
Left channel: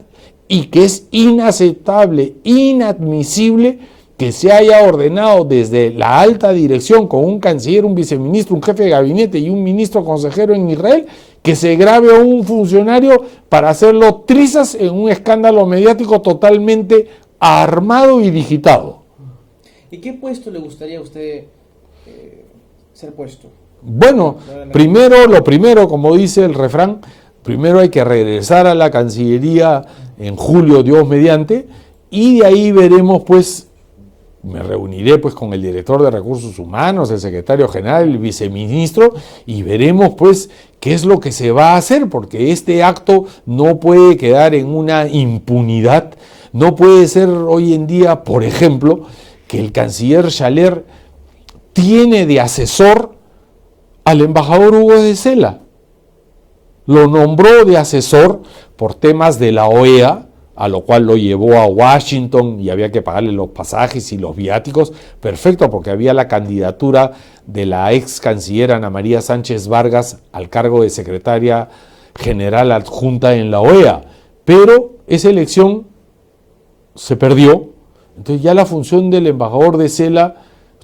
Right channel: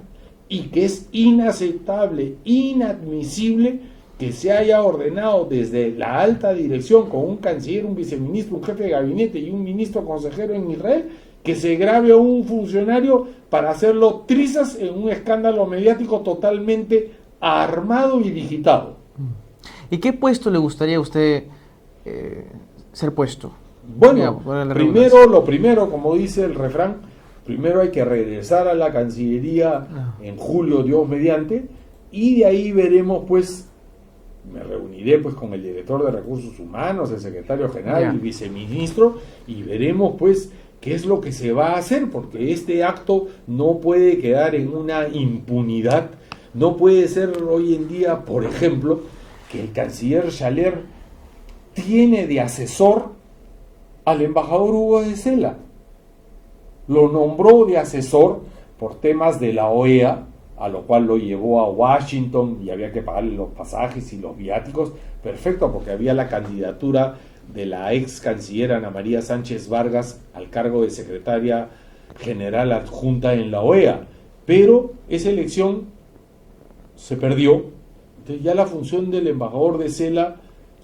y que es inaceptable, inadmisible que se haya ordenado desde la alta dirección, con un canciller, un viceministro, un jefe de gabinete y un ministro consejero en Israel, que se grabe a un funcionario para hacerlo trizas en un escándalo mediático totalmente armado y digitado. ¿Y qué puesto le gustaría a usted ser puesto? Bueno, lo primero, como dice el refrán, primero hay que regresar a la Cancillería en julio, Dios mediante, y de ahí veremos, pues, me reuniré pues con el director de Recursos Humanos, el secretario general, el viceministro, y veremos pues qué es lo que se va a hacer, porque este acto no puede quedar en una impunidad. No puede ser hoy en día, por ejemplo, que el canciller Schaller tiene de asesor al embajador Hugo de Sela. Lo nombró de asesor por temas de la OEA, a lo cual lo llevó a Washington y había que pagarle los pasajes y los viáticos. Perfecto, porque había la candidatura de la ex canciller Ana María Sánchez Vargas al cargo de secretaria general adjunta en la OEA. Pero esa elección se perdió. Entonces ya la función del embajador de Sela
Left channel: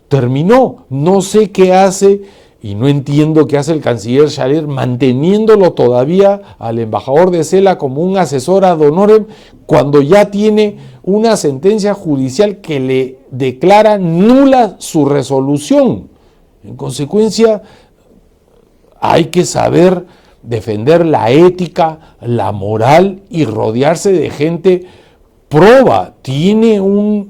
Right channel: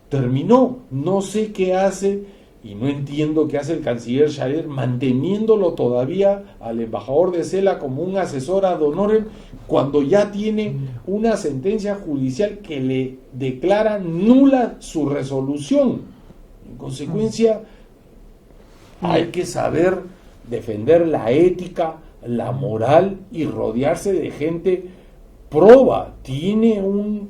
terminó. No sé qué hace y no entiendo qué hace el canciller Schaller manteniéndolo todavía al embajador de Sela como un asesor ad honorem, cuando ya tiene una sentencia judicial que le declara nula su resolución. En consecuencia, hay que saber defender la ética, la moral y rodearse de gente proba. Tiene un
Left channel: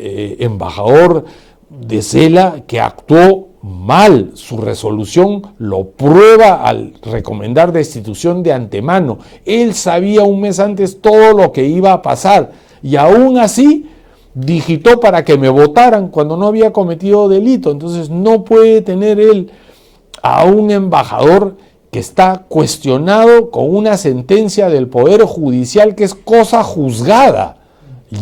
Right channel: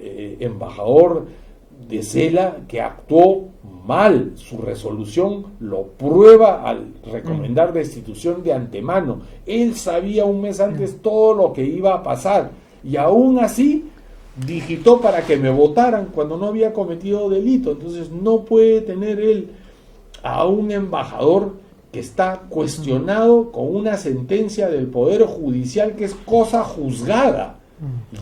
embajador de Sela que actuó mal, su resolución lo prueba al recomendar destitución de antemano. Él sabía un mes antes todo lo que iba a pasar y aún así digitó para que me votaran cuando no había cometido delito. Entonces no puede tener él a un embajador que está cuestionado con una sentencia del Poder Judicial que es cosa juzgada.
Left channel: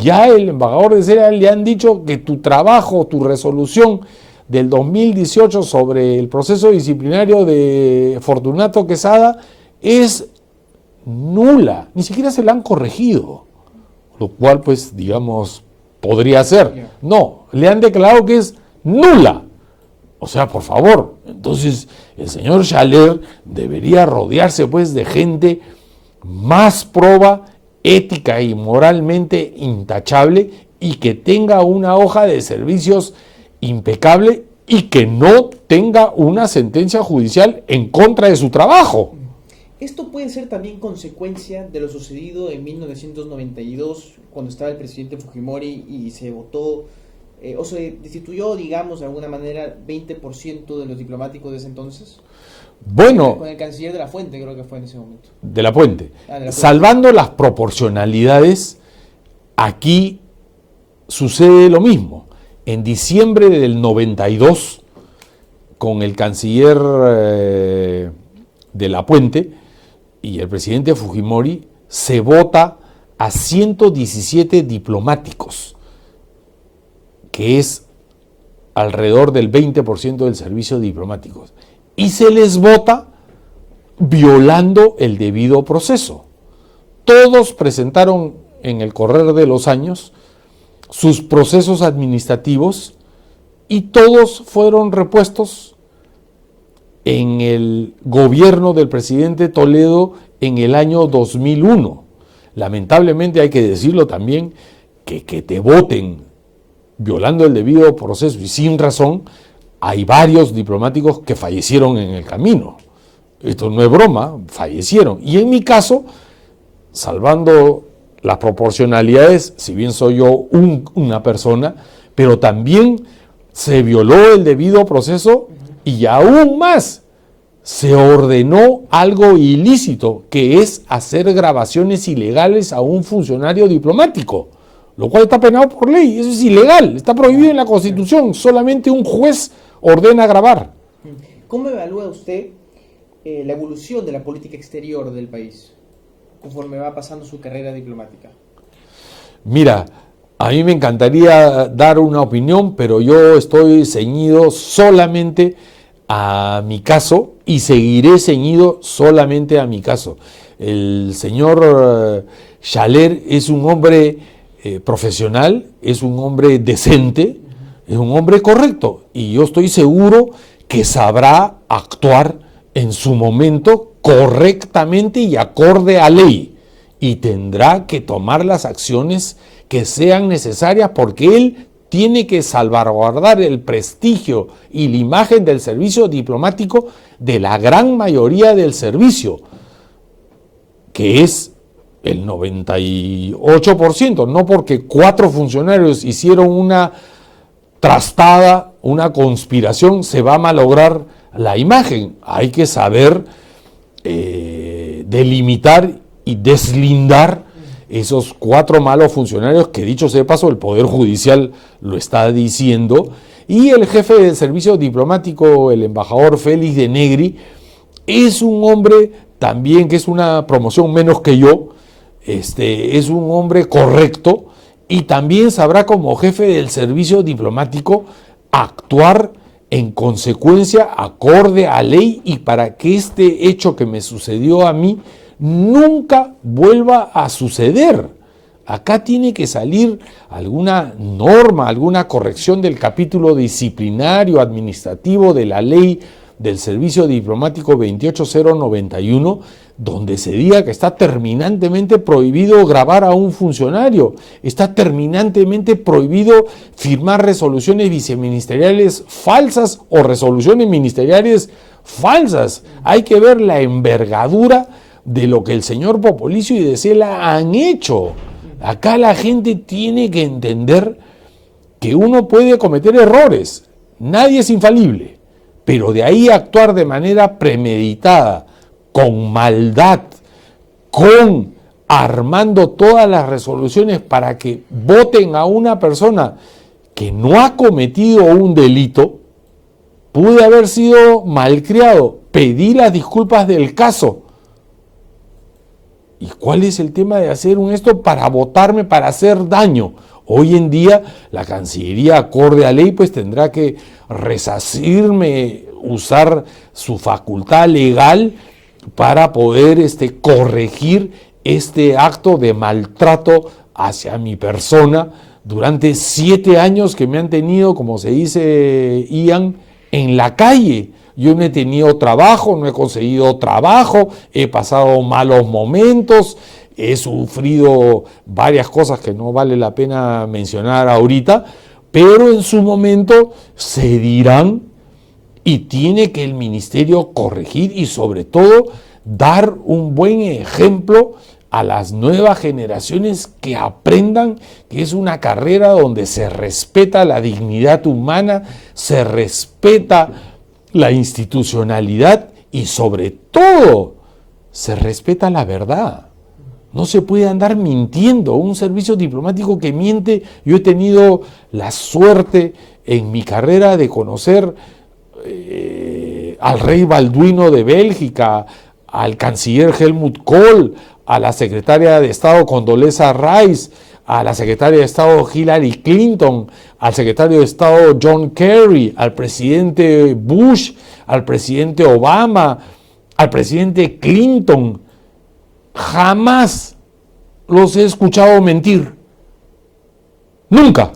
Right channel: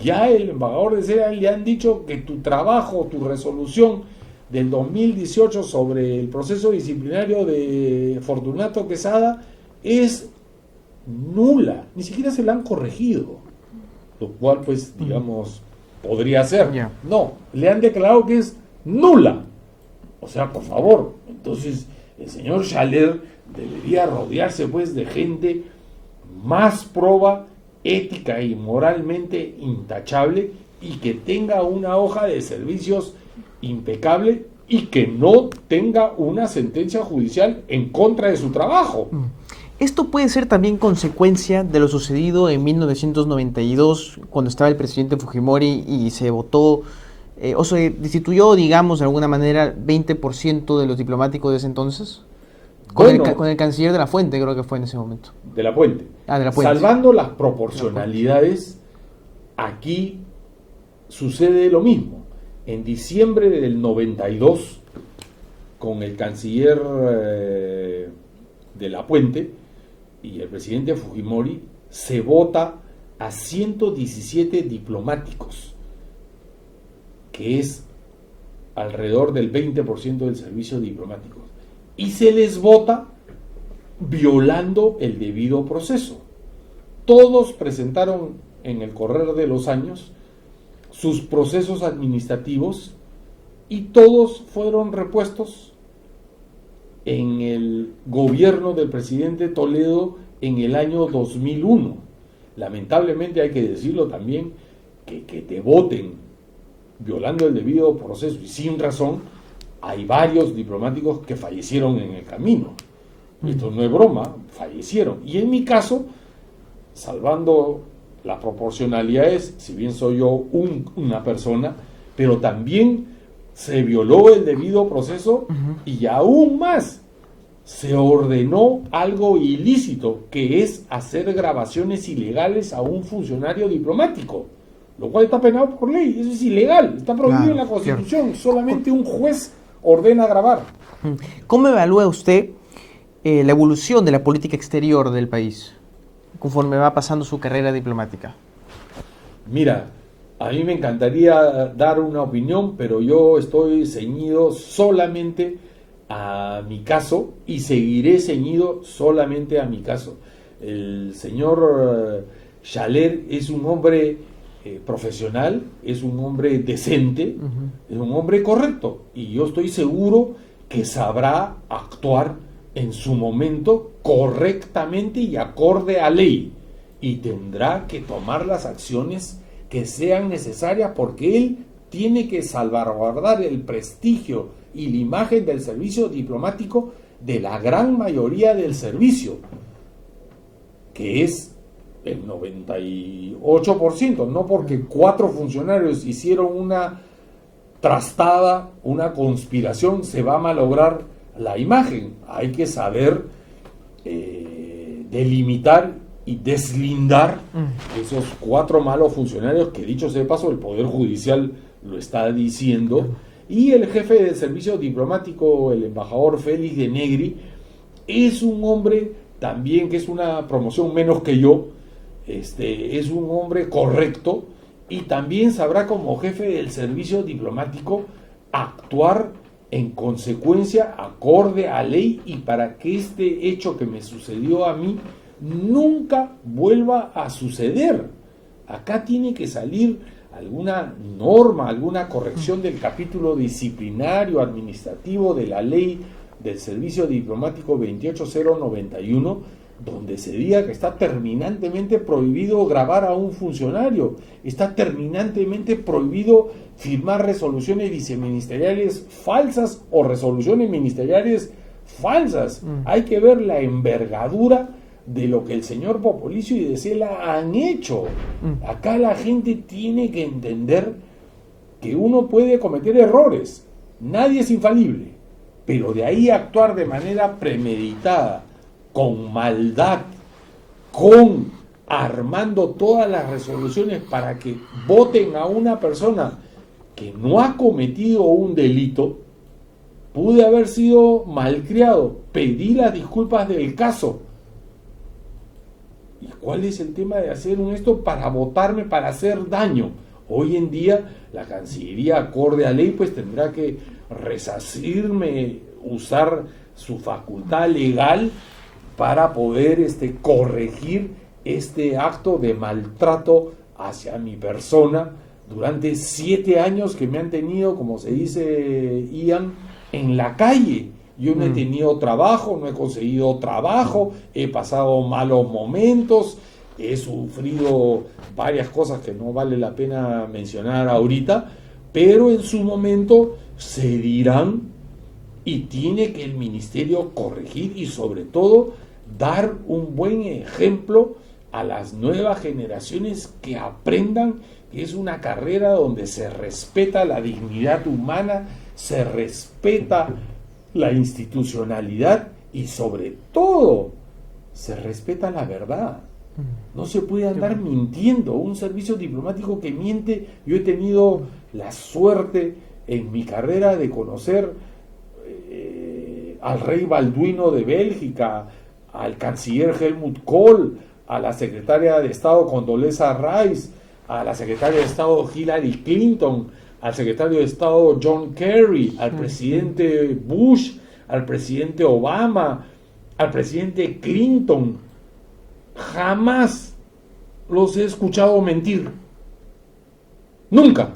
Ya el embajador de Sela le han dicho que tu trabajo, tu resolución del 2018 sobre el proceso disciplinario de Fortunato Quesada es nula, ni siquiera se la han corregido, lo cual pues digamos podría ser. No, le han declarado que es nula. O sea, por favor, entonces el señor Schaller debería rodearse pues de gente más proba, ética y moralmente intachable, y que tenga una hoja de servicios impecable y que no tenga una sentencia judicial en contra de su trabajo. Esto puede ser también consecuencia de lo sucedido en 1992, cuando estaba el presidente Fujimori y se votó, o se destituyó, digamos, de alguna manera, 20% de los diplomáticos de ese entonces. Bueno, con el canciller de la Fuente, creo que fue en ese momento. De la Puente. De la Puente. Salvando las proporcionalidades, aquí sucede lo mismo. En diciembre del 92, con el canciller de la Puente y el presidente Fujimori, se vota a 117 diplomáticos, que es alrededor del 20% del servicio diplomático. Y se les vota violando el debido proceso. Todos presentaron en el correr de los años sus procesos administrativos y todos fueron repuestos en el gobierno del presidente Toledo en el año 2001. Lamentablemente hay que decirlo también, que te voten violando el debido proceso y sin razón, hay varios diplomáticos que fallecieron en el camino. Esto no es broma, fallecieron. Y en mi caso, salvando las proporcionalidades, si bien soy yo una persona, pero también se violó el debido proceso y aún más se ordenó algo ilícito, que es hacer grabaciones ilegales a un funcionario diplomático, lo cual está penado por ley. Eso es ilegal, está prohibido en la Constitución. Solamente un juez ordena grabar. ¿Cómo evalúa usted la evolución de la política exterior del país conforme va pasando su carrera diplomática? Mira, a mí me encantaría dar una opinión, pero yo estoy ceñido solamente a mi caso y seguiré ceñido solamente a mi caso. El señor Schaller es un hombre profesional, es un hombre decente, es un hombre correcto, y yo estoy seguro que sabrá actuar en su momento correctamente y acorde a ley, y tendrá que tomar las acciones que sean necesarias, porque él tiene que salvaguardar el prestigio y la imagen del servicio diplomático de la gran mayoría del servicio, que es el 98%, no porque 4 funcionarios hicieron una trastada, una conspiración, se va a malograr la imagen. Hay que saber delimitar y deslindar esos 4 malos funcionarios, que dicho sea de paso, el Poder Judicial lo está diciendo, y el jefe del servicio diplomático, el embajador Félix de Negri, es un hombre también que es una promoción menos que yo, es un hombre correcto, y también sabrá como jefe del servicio diplomático actuar en consecuencia, acorde a ley, y para que este hecho que me sucedió a mí nunca vuelva a suceder. Acá tiene que salir alguna norma, alguna corrección del capítulo disciplinario administrativo de la ley del servicio diplomático 28091, donde se diga que está terminantemente prohibido grabar a un funcionario, está terminantemente prohibido firmar resoluciones viceministeriales falsas o resoluciones ministeriales falsas. Hay que ver la envergadura de lo que el señor Popolizio y de Cela han hecho. Acá la gente tiene que entender que uno puede cometer errores, nadie es infalible, pero de ahí actuar de manera premeditada, con maldad, con armando todas las resoluciones para que voten a una persona que no ha cometido un delito, pude haber sido malcriado, pedí las disculpas del caso. ¿Y cuál es el tema de hacer esto para votarme, para hacer daño? Hoy en día la Cancillería, acorde a ley, pues tendrá que resarcirme, usar su facultad legal para poder corregir este acto de maltrato hacia mi persona durante 7 años que me han tenido, como se dice, Ian, en la calle. Yo no he tenido trabajo, no he conseguido trabajo, he pasado malos momentos, he sufrido varias cosas que no vale la pena mencionar ahorita, pero en su momento se dirán y tiene que el ministerio corregir y sobre todo dar un buen ejemplo a las nuevas generaciones que aprendan que es una carrera donde se respeta la dignidad humana, se respeta la institucionalidad y sobre todo se respeta la verdad. No se puede andar mintiendo. Un servicio diplomático que miente, yo he tenido la suerte en mi carrera de conocer al rey Balduino de Bélgica, al canciller Helmut Kohl, a la secretaria de Estado Condoleezza Rice, a la secretaria de Estado Hillary Clinton, al secretario de Estado John Kerry, al presidente Bush, al presidente Obama, al presidente Clinton. Jamás los he escuchado mentir. Nunca.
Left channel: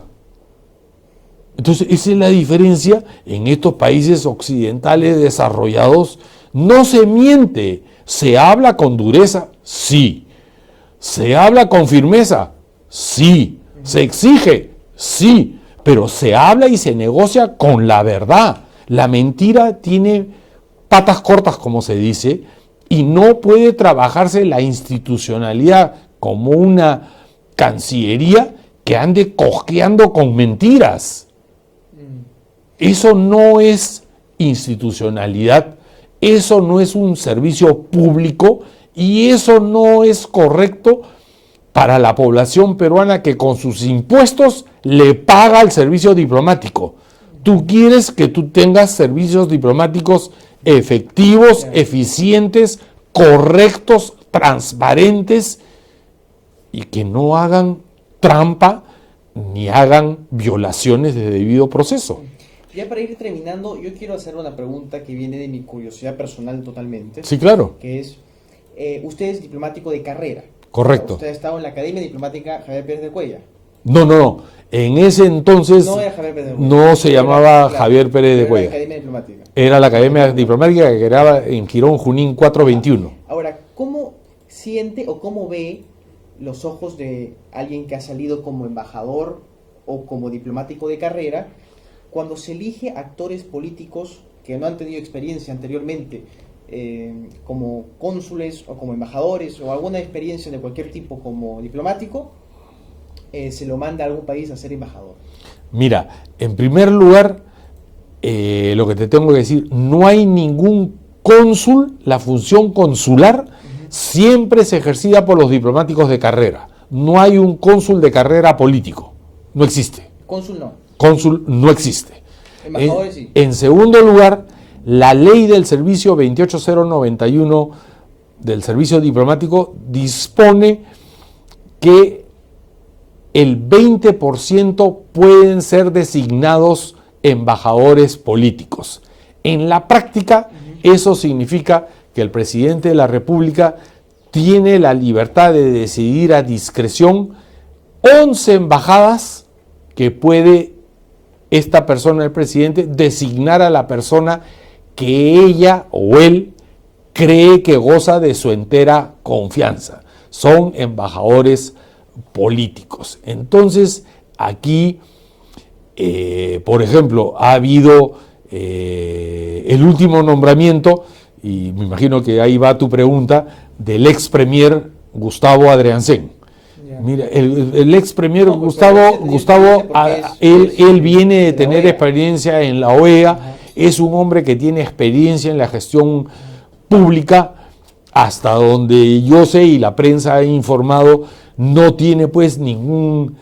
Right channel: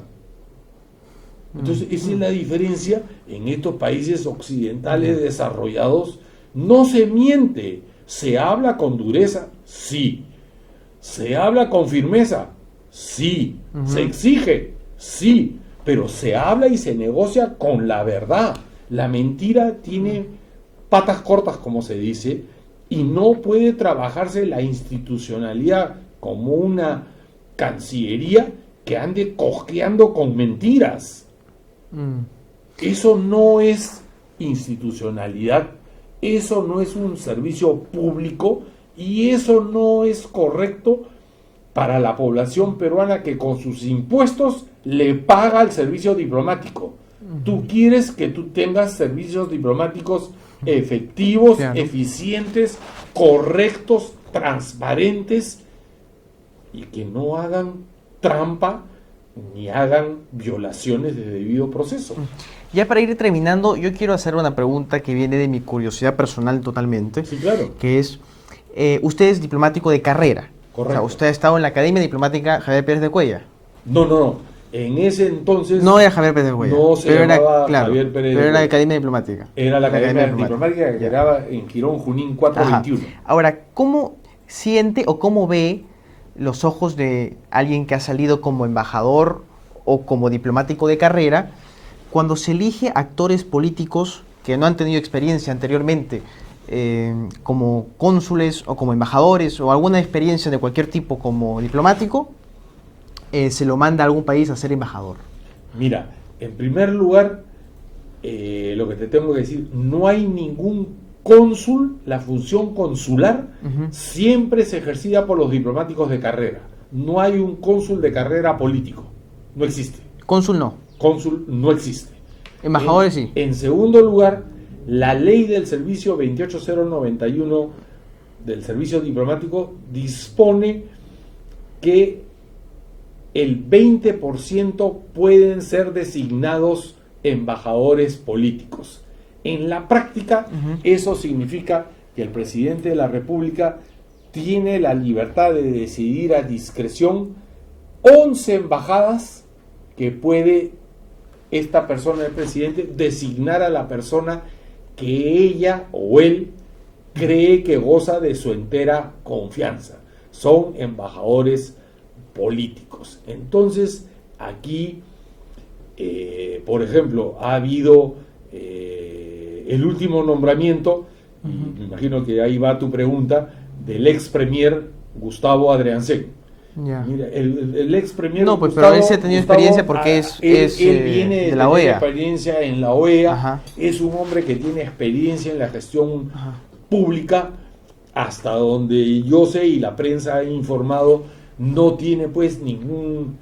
Entonces, esa es la diferencia. En estos países occidentales desarrollados no se miente. ¿Se habla con dureza? Sí. ¿Se habla con firmeza? Sí. ¿Se exige? Sí. Pero se habla y se negocia con la verdad. La mentira tiene patas cortas, como se dice, y no puede trabajarse la institucionalidad como una cancillería que ande cojeando con mentiras. Eso no es institucionalidad, eso no es un servicio público y eso no es correcto para la población peruana que con sus impuestos le paga al servicio diplomático. Tú quieres que tú tengas servicios diplomáticos efectivos, eficientes, correctos, transparentes y que no hagan trampa ni hagan violaciones de debido proceso. Ya para ir terminando, yo quiero hacer una pregunta que viene de mi curiosidad personal totalmente. Sí, claro. Que es, usted es diplomático de carrera. Correcto. O sea, usted ha estado en la Academia Diplomática Javier Pérez de Cuellar. No. En ese entonces no era Javier Pérez de Cuellar. No se llamaba Javier Pérez de Cuellar. Era la Academia Diplomática. Era la Academia Diplomática que quedaba en Quirón Junín 421. Ajá. Ahora, ¿cómo siente o cómo ve los ojos de alguien que ha salido como embajador o como diplomático de carrera cuando se elige actores políticos que no han tenido experiencia anteriormente como cónsules o como embajadores o alguna experiencia de cualquier tipo como diplomático, se lo manda a algún país a ser embajador? Mira, en primer lugar, lo que te tengo que decir, no hay ningún cónsul, la función consular siempre es ejercida por los diplomáticos de carrera. No hay un cónsul de carrera político, no existe. Cónsul no. Cónsul no existe. Embajadores sí. En segundo lugar, la ley del servicio 28091 del servicio diplomático dispone que el 20% pueden ser designados embajadores políticos. En la práctica, eso significa que el presidente de la República tiene la libertad de decidir a discreción 11 embajadas que puede esta persona, el presidente, designar a la persona que ella o él cree que goza de su entera confianza. Son embajadores políticos. Entonces, aquí, por ejemplo, ha habido el último nombramiento, y me imagino que ahí va tu pregunta, del ex premier Gustavo Adriancén. Yeah. Mira, el ex premier Gustavo él viene de tener experiencia en la OEA, es un hombre que tiene experiencia en la gestión pública, hasta donde yo sé y la prensa ha informado, no tiene pues ningún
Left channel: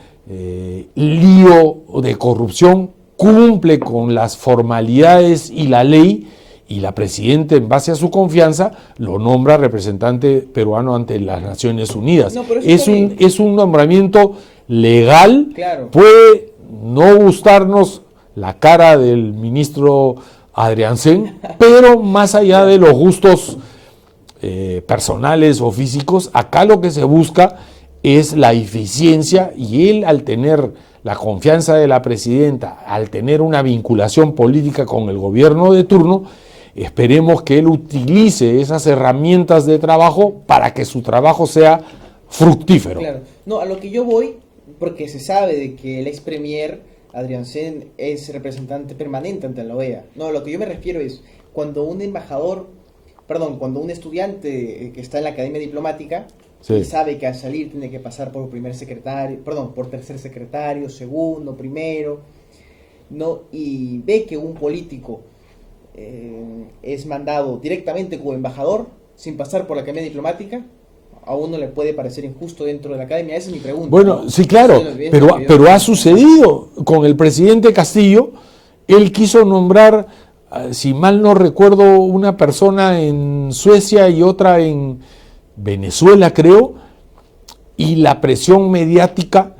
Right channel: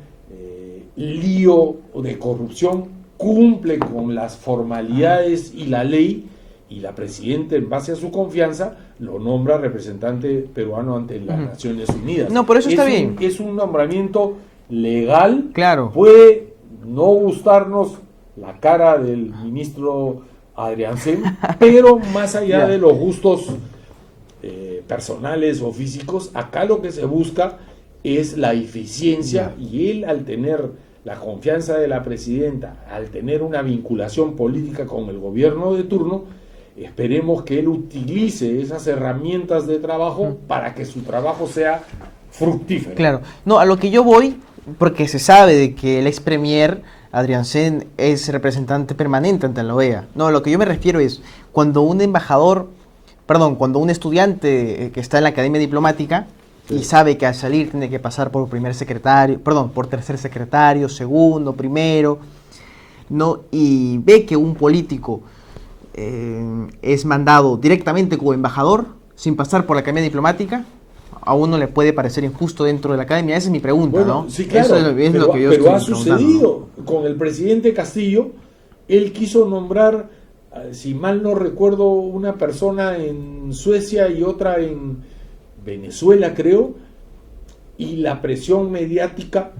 lío de corrupción, cumple con las formalidades y la ley, y la presidenta, en base a su confianza, lo nombra representante peruano ante las Naciones Unidas. No, por eso es un nombramiento legal, claro. Puede no gustarnos la cara del ministro Adriansen, pero más allá de los gustos personales o físicos, acá lo que se busca es la eficiencia, y él, al tener la confianza de la presidenta, al tener una vinculación política con el gobierno de turno, esperemos que él utilice esas herramientas de trabajo para que su trabajo sea fructífero. Claro, no, a lo que yo voy, porque se sabe de que el ex premier Adriansen es representante permanente ante la OEA. No, a lo que yo me refiero es cuando un cuando un estudiante que está en la academia diplomática y sabe que al salir tiene que pasar por por tercer secretario, segundo, primero, ¿no? Y ve que un político es mandado directamente como embajador sin pasar por la academia diplomática, a uno le puede parecer injusto dentro de la academia. Esa es mi pregunta. Bueno, ¿no? sí, claro, pero ha sucedido con el presidente Castillo. Él quiso nombrar, si mal no recuerdo, una persona en Suecia y otra en Venezuela, creo, y la presión mediática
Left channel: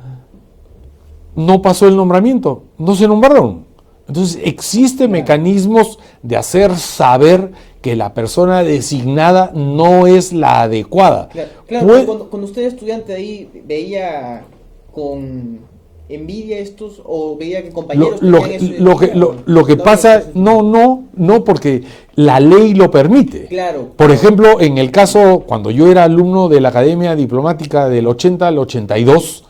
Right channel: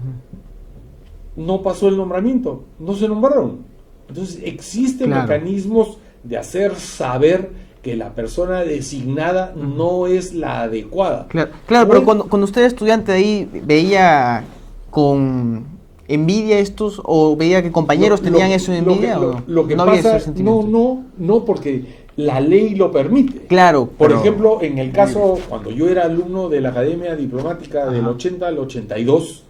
no pasó el nombramiento, no se nombraron. Entonces existen mecanismos de hacer saber que la persona designada no es la adecuada. Claro, pero cuando usted era estudiante de ahí, ¿veía con envidia estos o veía que compañeros tenían eso en envidia? Lo que pasa, no, porque la ley lo permite. Claro. Por ejemplo, en el caso, cuando yo era alumno de la Academia Diplomática del 80 al 82,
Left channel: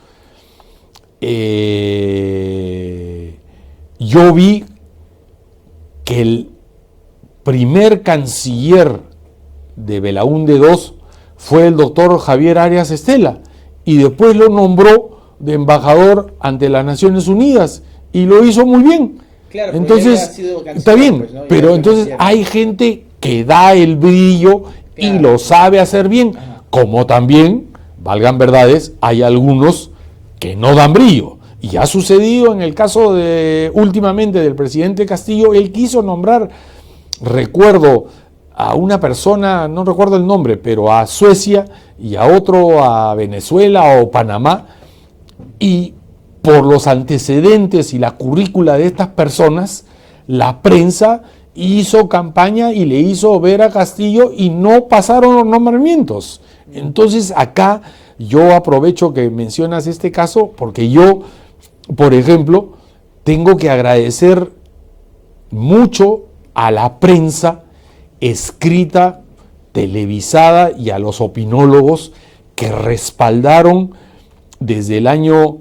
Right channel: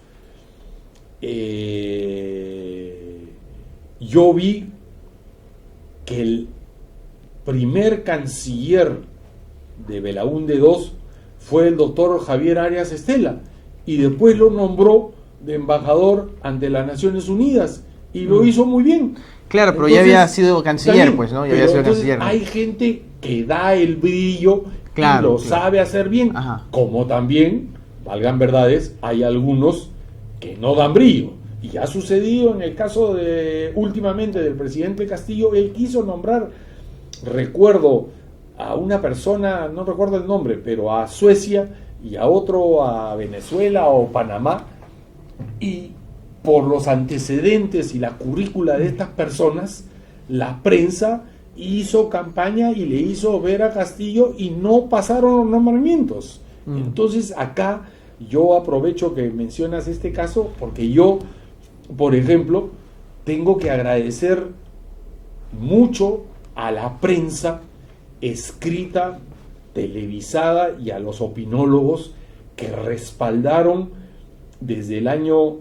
yo vi que el primer canciller de Belaúnde II fue el doctor Javier Arias Estela, y después lo nombró de embajador ante las Naciones Unidas, y lo hizo muy bien. Claro, pero entonces, ya había sido canciller, está bien, pues, ¿no? Pero entonces canciller, hay gente que da el brillo, claro, y lo sabe hacer bien. Ajá. Como también, valgan verdades, hay algunos que no dan brillo. Y ha sucedido en el caso últimamente del presidente Castillo. Él quiso nombrar, recuerdo, a una persona, no recuerdo el nombre, pero a Suecia, y a otro a Venezuela o Panamá, y por los antecedentes y la currícula de estas personas, la prensa hizo campaña y le hizo ver a Castillo y no pasaron los nombramientos. Entonces acá yo aprovecho que mencionas este caso, porque yo, por ejemplo, tengo que agradecer mucho a la prensa escrita, televisada, y a los opinólogos que respaldaron desde el año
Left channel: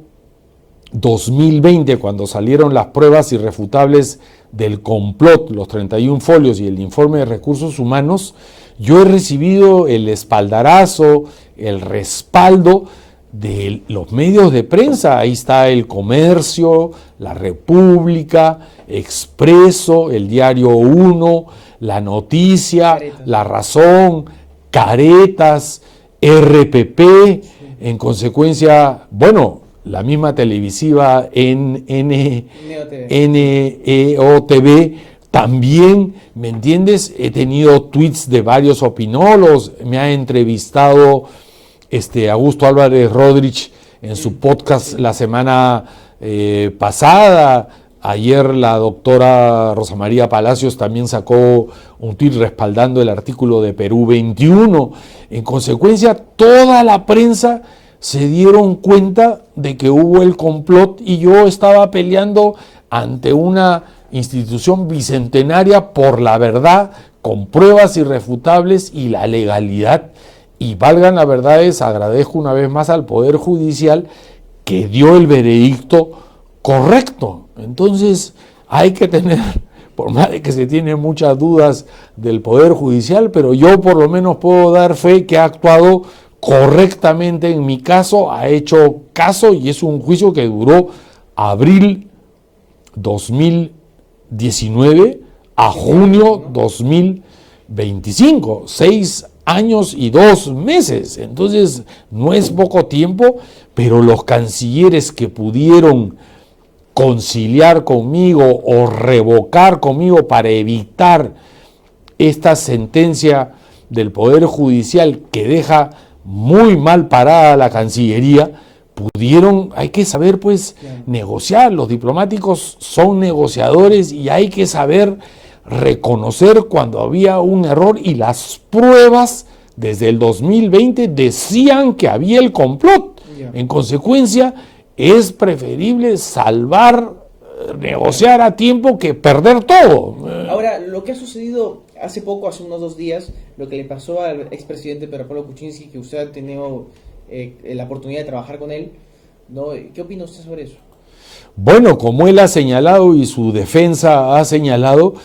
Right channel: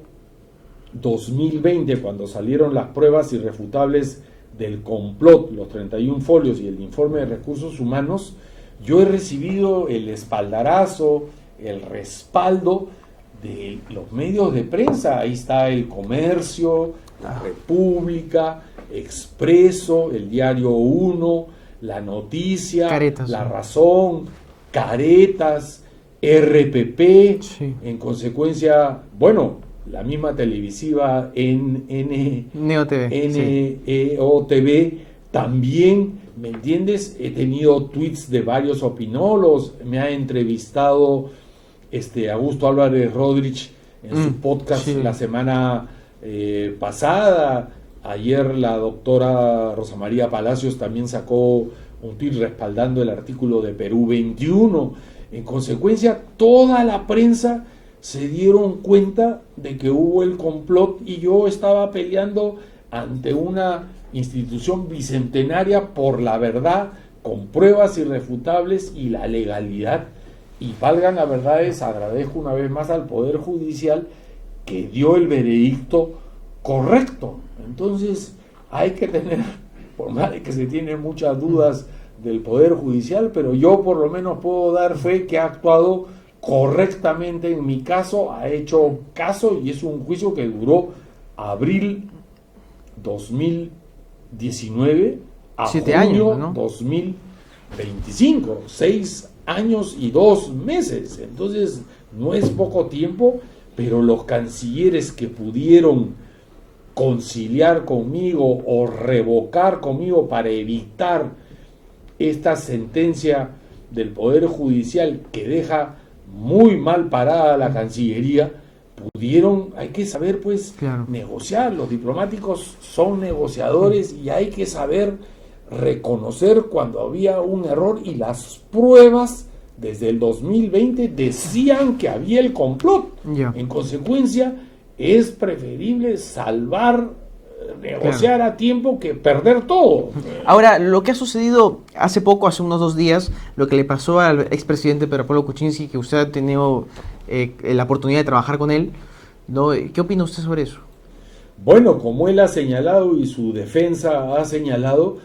2020, cuando salieron las pruebas irrefutables del complot, los 31 folios y el informe de recursos humanos. Yo he recibido el espaldarazo, el respaldo de los medios de prensa. Ahí está El Comercio, La República, Expreso, El Diario 1, La Noticia, Caretas, La Razón, Caretas, RPP, sí. En consecuencia, bueno, la misma televisiva NEO TV, también, ¿me entiendes? He tenido tweets de varios opinólogos, me ha entrevistado Augusto Álvarez Rodríguez en su podcast, sí, la semana pasada. Ayer la doctora Rosa María Palacios también sacó un tuit respaldando el artículo de Perú 21. En consecuencia, toda la prensa se dieron cuenta de que hubo el complot, y yo estaba peleando ante una institución bicentenaria por la verdad, con pruebas irrefutables y la legalidad. Y valgan las verdades, agradezco una vez más al Poder Judicial que dio el veredicto correcto. Entonces hay que tener, por más de que se tienen muchas dudas del Poder Judicial, pero yo por lo menos puedo dar fe que ha actuado correctamente en mi caso, ha hecho caso, y es un juicio que duró abril 2019 a junio 2025, 6 años y 2 meses. Entonces no es poco tiempo, pero los cancilleres que pudieron conciliar conmigo o revocar conmigo para evitar esta sentencia del Poder Judicial que deja muy mal parada la Cancillería, hay que saber pues negociar, los diplomáticos son negociadores y hay que saber reconocer cuando había un error, y las pruebas desde el 2020 decían que había el complot. En consecuencia, es preferible salvar, negociar a tiempo que perder todo. Ahora, lo que ha sucedido hace poco, hace unos 2 días, lo que le pasó al expresidente Pedro Pablo Kuczynski, que usted ha tenido la oportunidad de trabajar con él, ¿no? ¿Qué opina usted sobre eso? Bueno, como él ha señalado y su defensa ha señalado,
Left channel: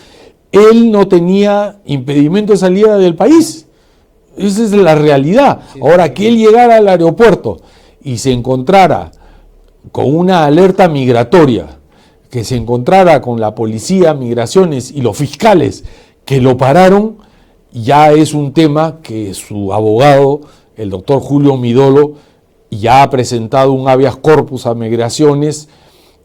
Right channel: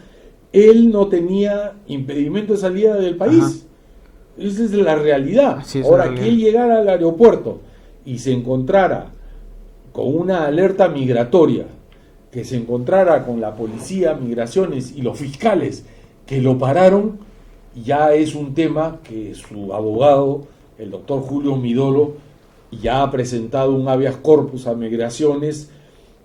él no tenía impedimento de salida del país. Ajá. Esa es la realidad. Sí, ahora, que él llegara al aeropuerto y se encontrara con una alerta migratoria, que se encontrara con la policía, migraciones y los fiscales que lo pararon, ya es un tema que su abogado, el doctor Julio Midolo, ya ha presentado un habeas corpus a migraciones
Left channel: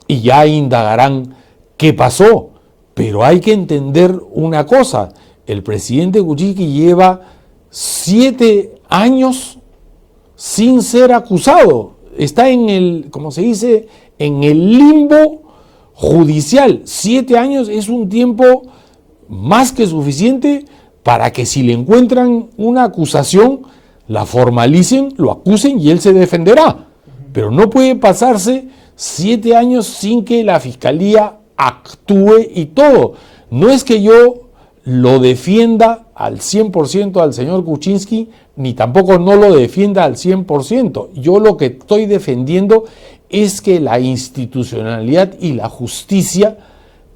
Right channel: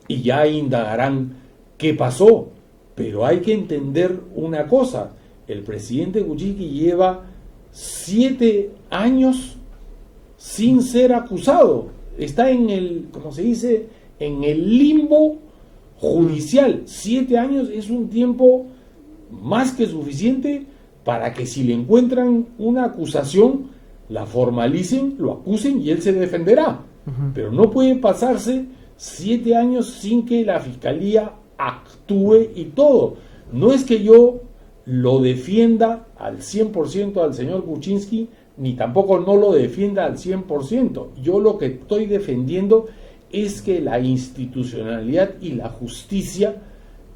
y ya indagarán qué pasó. Pero hay que entender una cosa: el presidente Kuczynski lleva 7 años sin ser acusado. Está en el, como se dice, en el limbo judicial. 7 años es un tiempo más que suficiente para que, si le encuentran una acusación, la formalicen, lo acusen y él se defenderá. Pero no puede pasarse 7 años sin que la fiscalía actúe y todo. No es que yo lo defienda al 100% al señor Kuczynski, ni tampoco no lo defienda al 100%. Yo lo que estoy defendiendo es que la institucionalidad y la justicia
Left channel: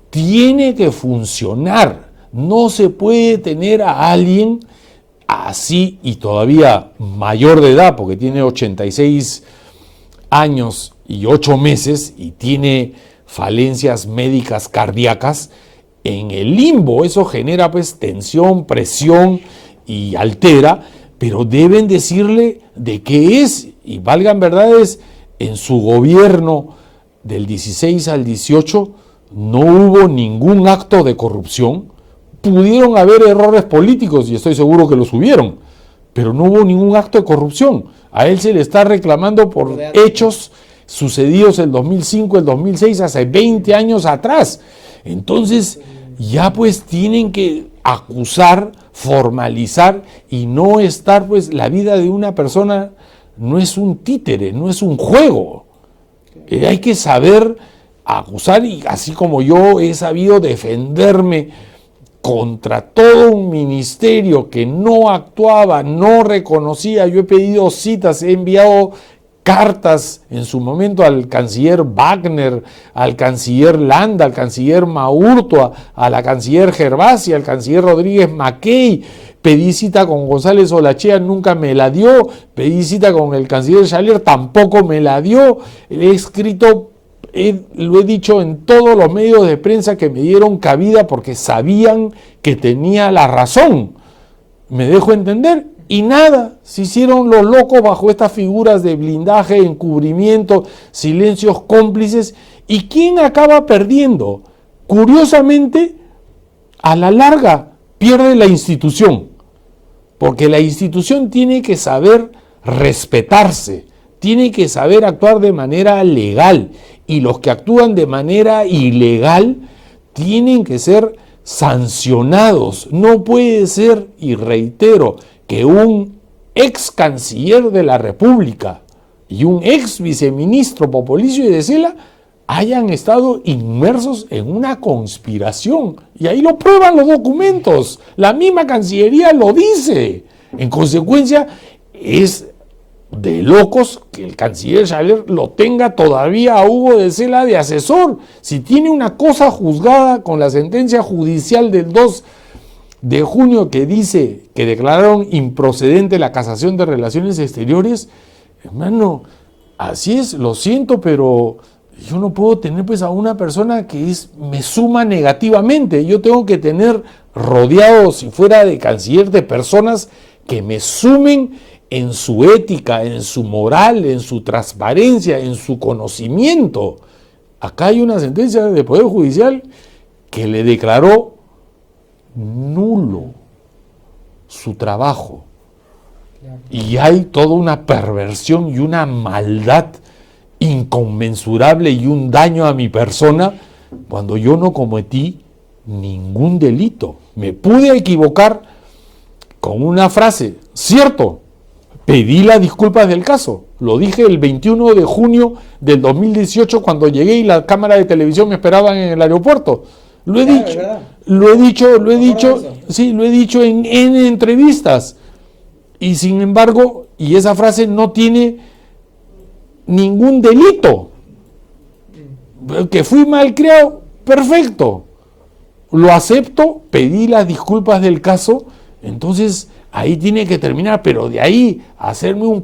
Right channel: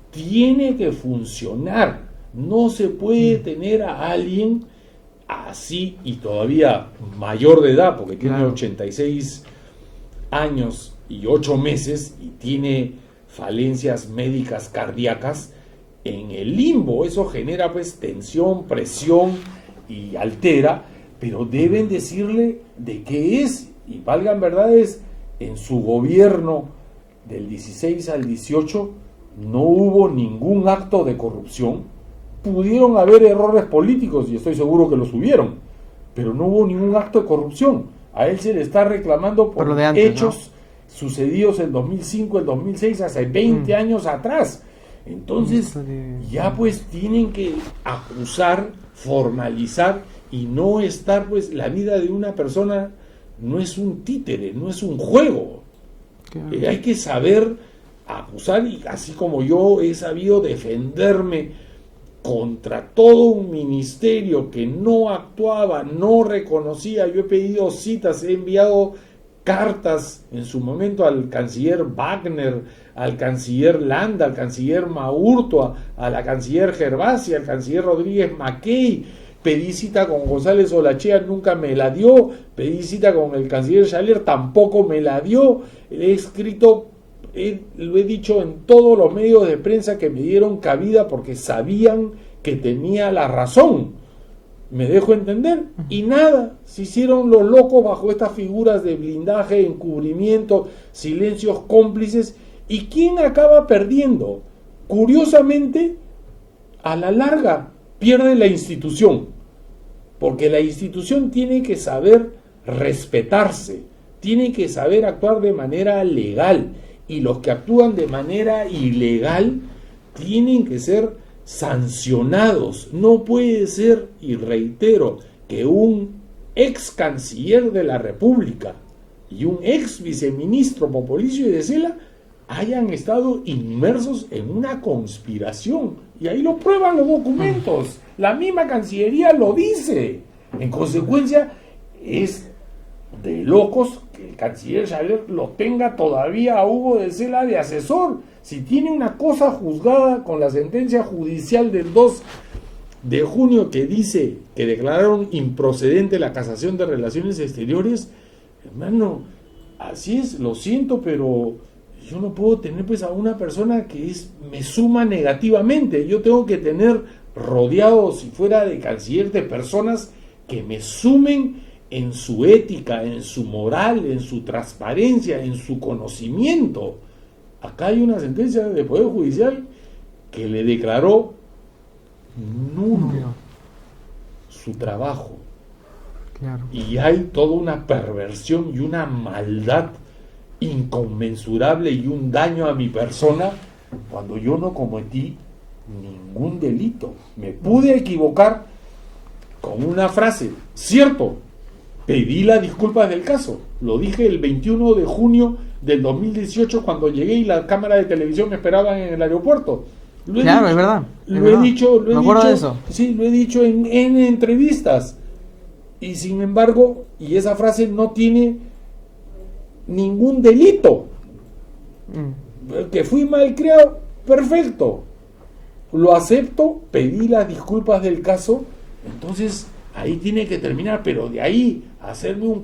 tiene que funcionar. No se puede tener a alguien así, y todavía mayor de edad, porque tiene 86 años y 8 meses y tiene falencias médicas cardíacas, en el limbo. Eso genera pues tensión, presión y altera, pero deben decirle de qué es. Y valgan verdades, en su gobierno del 16 al 18 no hubo ningún acto de corrupción. Pudieron haber errores políticos, y estoy seguro que los hubieron, pero no hubo ningún acto de corrupción. A él se le está reclamando por hechos sucedidos el 2005, el 2006, hace 20 años atrás. Entonces, ya pues tienen que acusar, formalizar, y no estar, pues la vida de una persona no es un títere, no es un juego. Hay que saber acusar, y así como yo he sabido defenderme contra todo un ministerio que no actuaba, no reconocía. Yo he pedido citas, he enviado cartas en su momento al canciller Wagner, al canciller Landa, al canciller Maurto, a la canciller Gervasi, al canciller Rodríguez Mackey. Pedí cita con González Olachea, nunca me la dio. Pedí cita con el canciller Schaller, tampoco me la dio. Le he escrito, lo he dicho en todos los medios de prensa que me dieron cabida porque sabían que tenía la razón. Me dejo entender, y nada, se hicieron los locos bajo estas figuras de blindaje, encubrimiento, silencios cómplices. ¿Y quién acaba perdiendo? Curiosamente, a la larga pierde la institución, porque la institución tiene que saber respetarse, tiene que saber actuar de manera legal, y los que actúan de manera ilegal tienen que ser sancionados. No puede ser, y reitero, que un ex canciller de la República y un ex viceministro Popolicio y de Sela hayan estado inmersos en una conspiración, y ahí lo prueban los documentos, la misma Cancillería lo dice. En consecuencia, es de locos que el canciller Schaller lo tenga todavía a Hugo de Sela de asesor. Si tiene una cosa juzgada con la sentencia judicial del 2 de junio que dice que declararon improcedente la casación de relaciones exteriores, hermano, así es, lo siento, pero yo no puedo tener pues a una persona que me suma negativamente. Yo tengo que tener rodeado, si fuera de canciller, de personas que me sumen en su ética, en su moral, en su transparencia, en su conocimiento. Acá hay una sentencia del Poder Judicial que le declaró nulo su trabajo. Claro. Y hay toda una perversión y una maldad inconmensurable y un daño a mi persona cuando yo no cometí ningún delito. Me pude equivocar con una frase, cierto, pedí las disculpas del caso, lo dije el 21 de junio del 2018 cuando llegué y la cámara de televisión me esperaban en el aeropuerto. Lo he Claro, dicho, es verdad. lo he dicho, Me acuerdo de eso. sí, lo he dicho en N entrevistas. Y sin embargo, y esa frase no tiene ningún delito. Que fui malcriado, perfecto. Lo acepto, pedí las disculpas del caso, entonces ahí tiene que terminar, pero de ahí hacerme un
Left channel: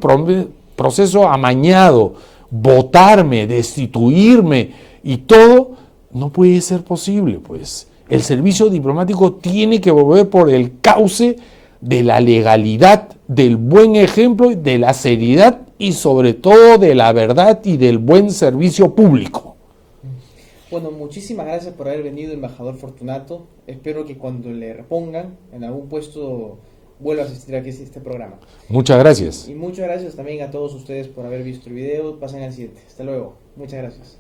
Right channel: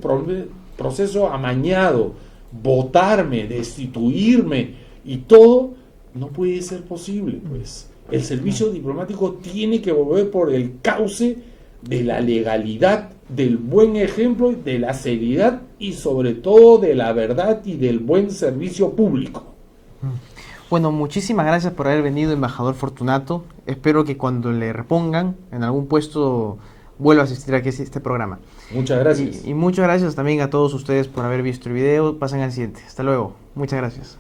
proceso amañado, votarme, destituirme y todo, no puede ser posible, pues. El servicio diplomático tiene que volver por el cauce de la legalidad, del buen ejemplo, de la seriedad y sobre todo de la verdad y del buen servicio público. Bueno, muchísimas gracias por haber venido, embajador Fortunato. Espero que cuando le repongan en algún puesto vuelva a asistir aquí a este programa. Muchas gracias. Y muchas gracias también a todos ustedes por haber visto el video. Pasen al siguiente. Hasta luego. Muchas gracias.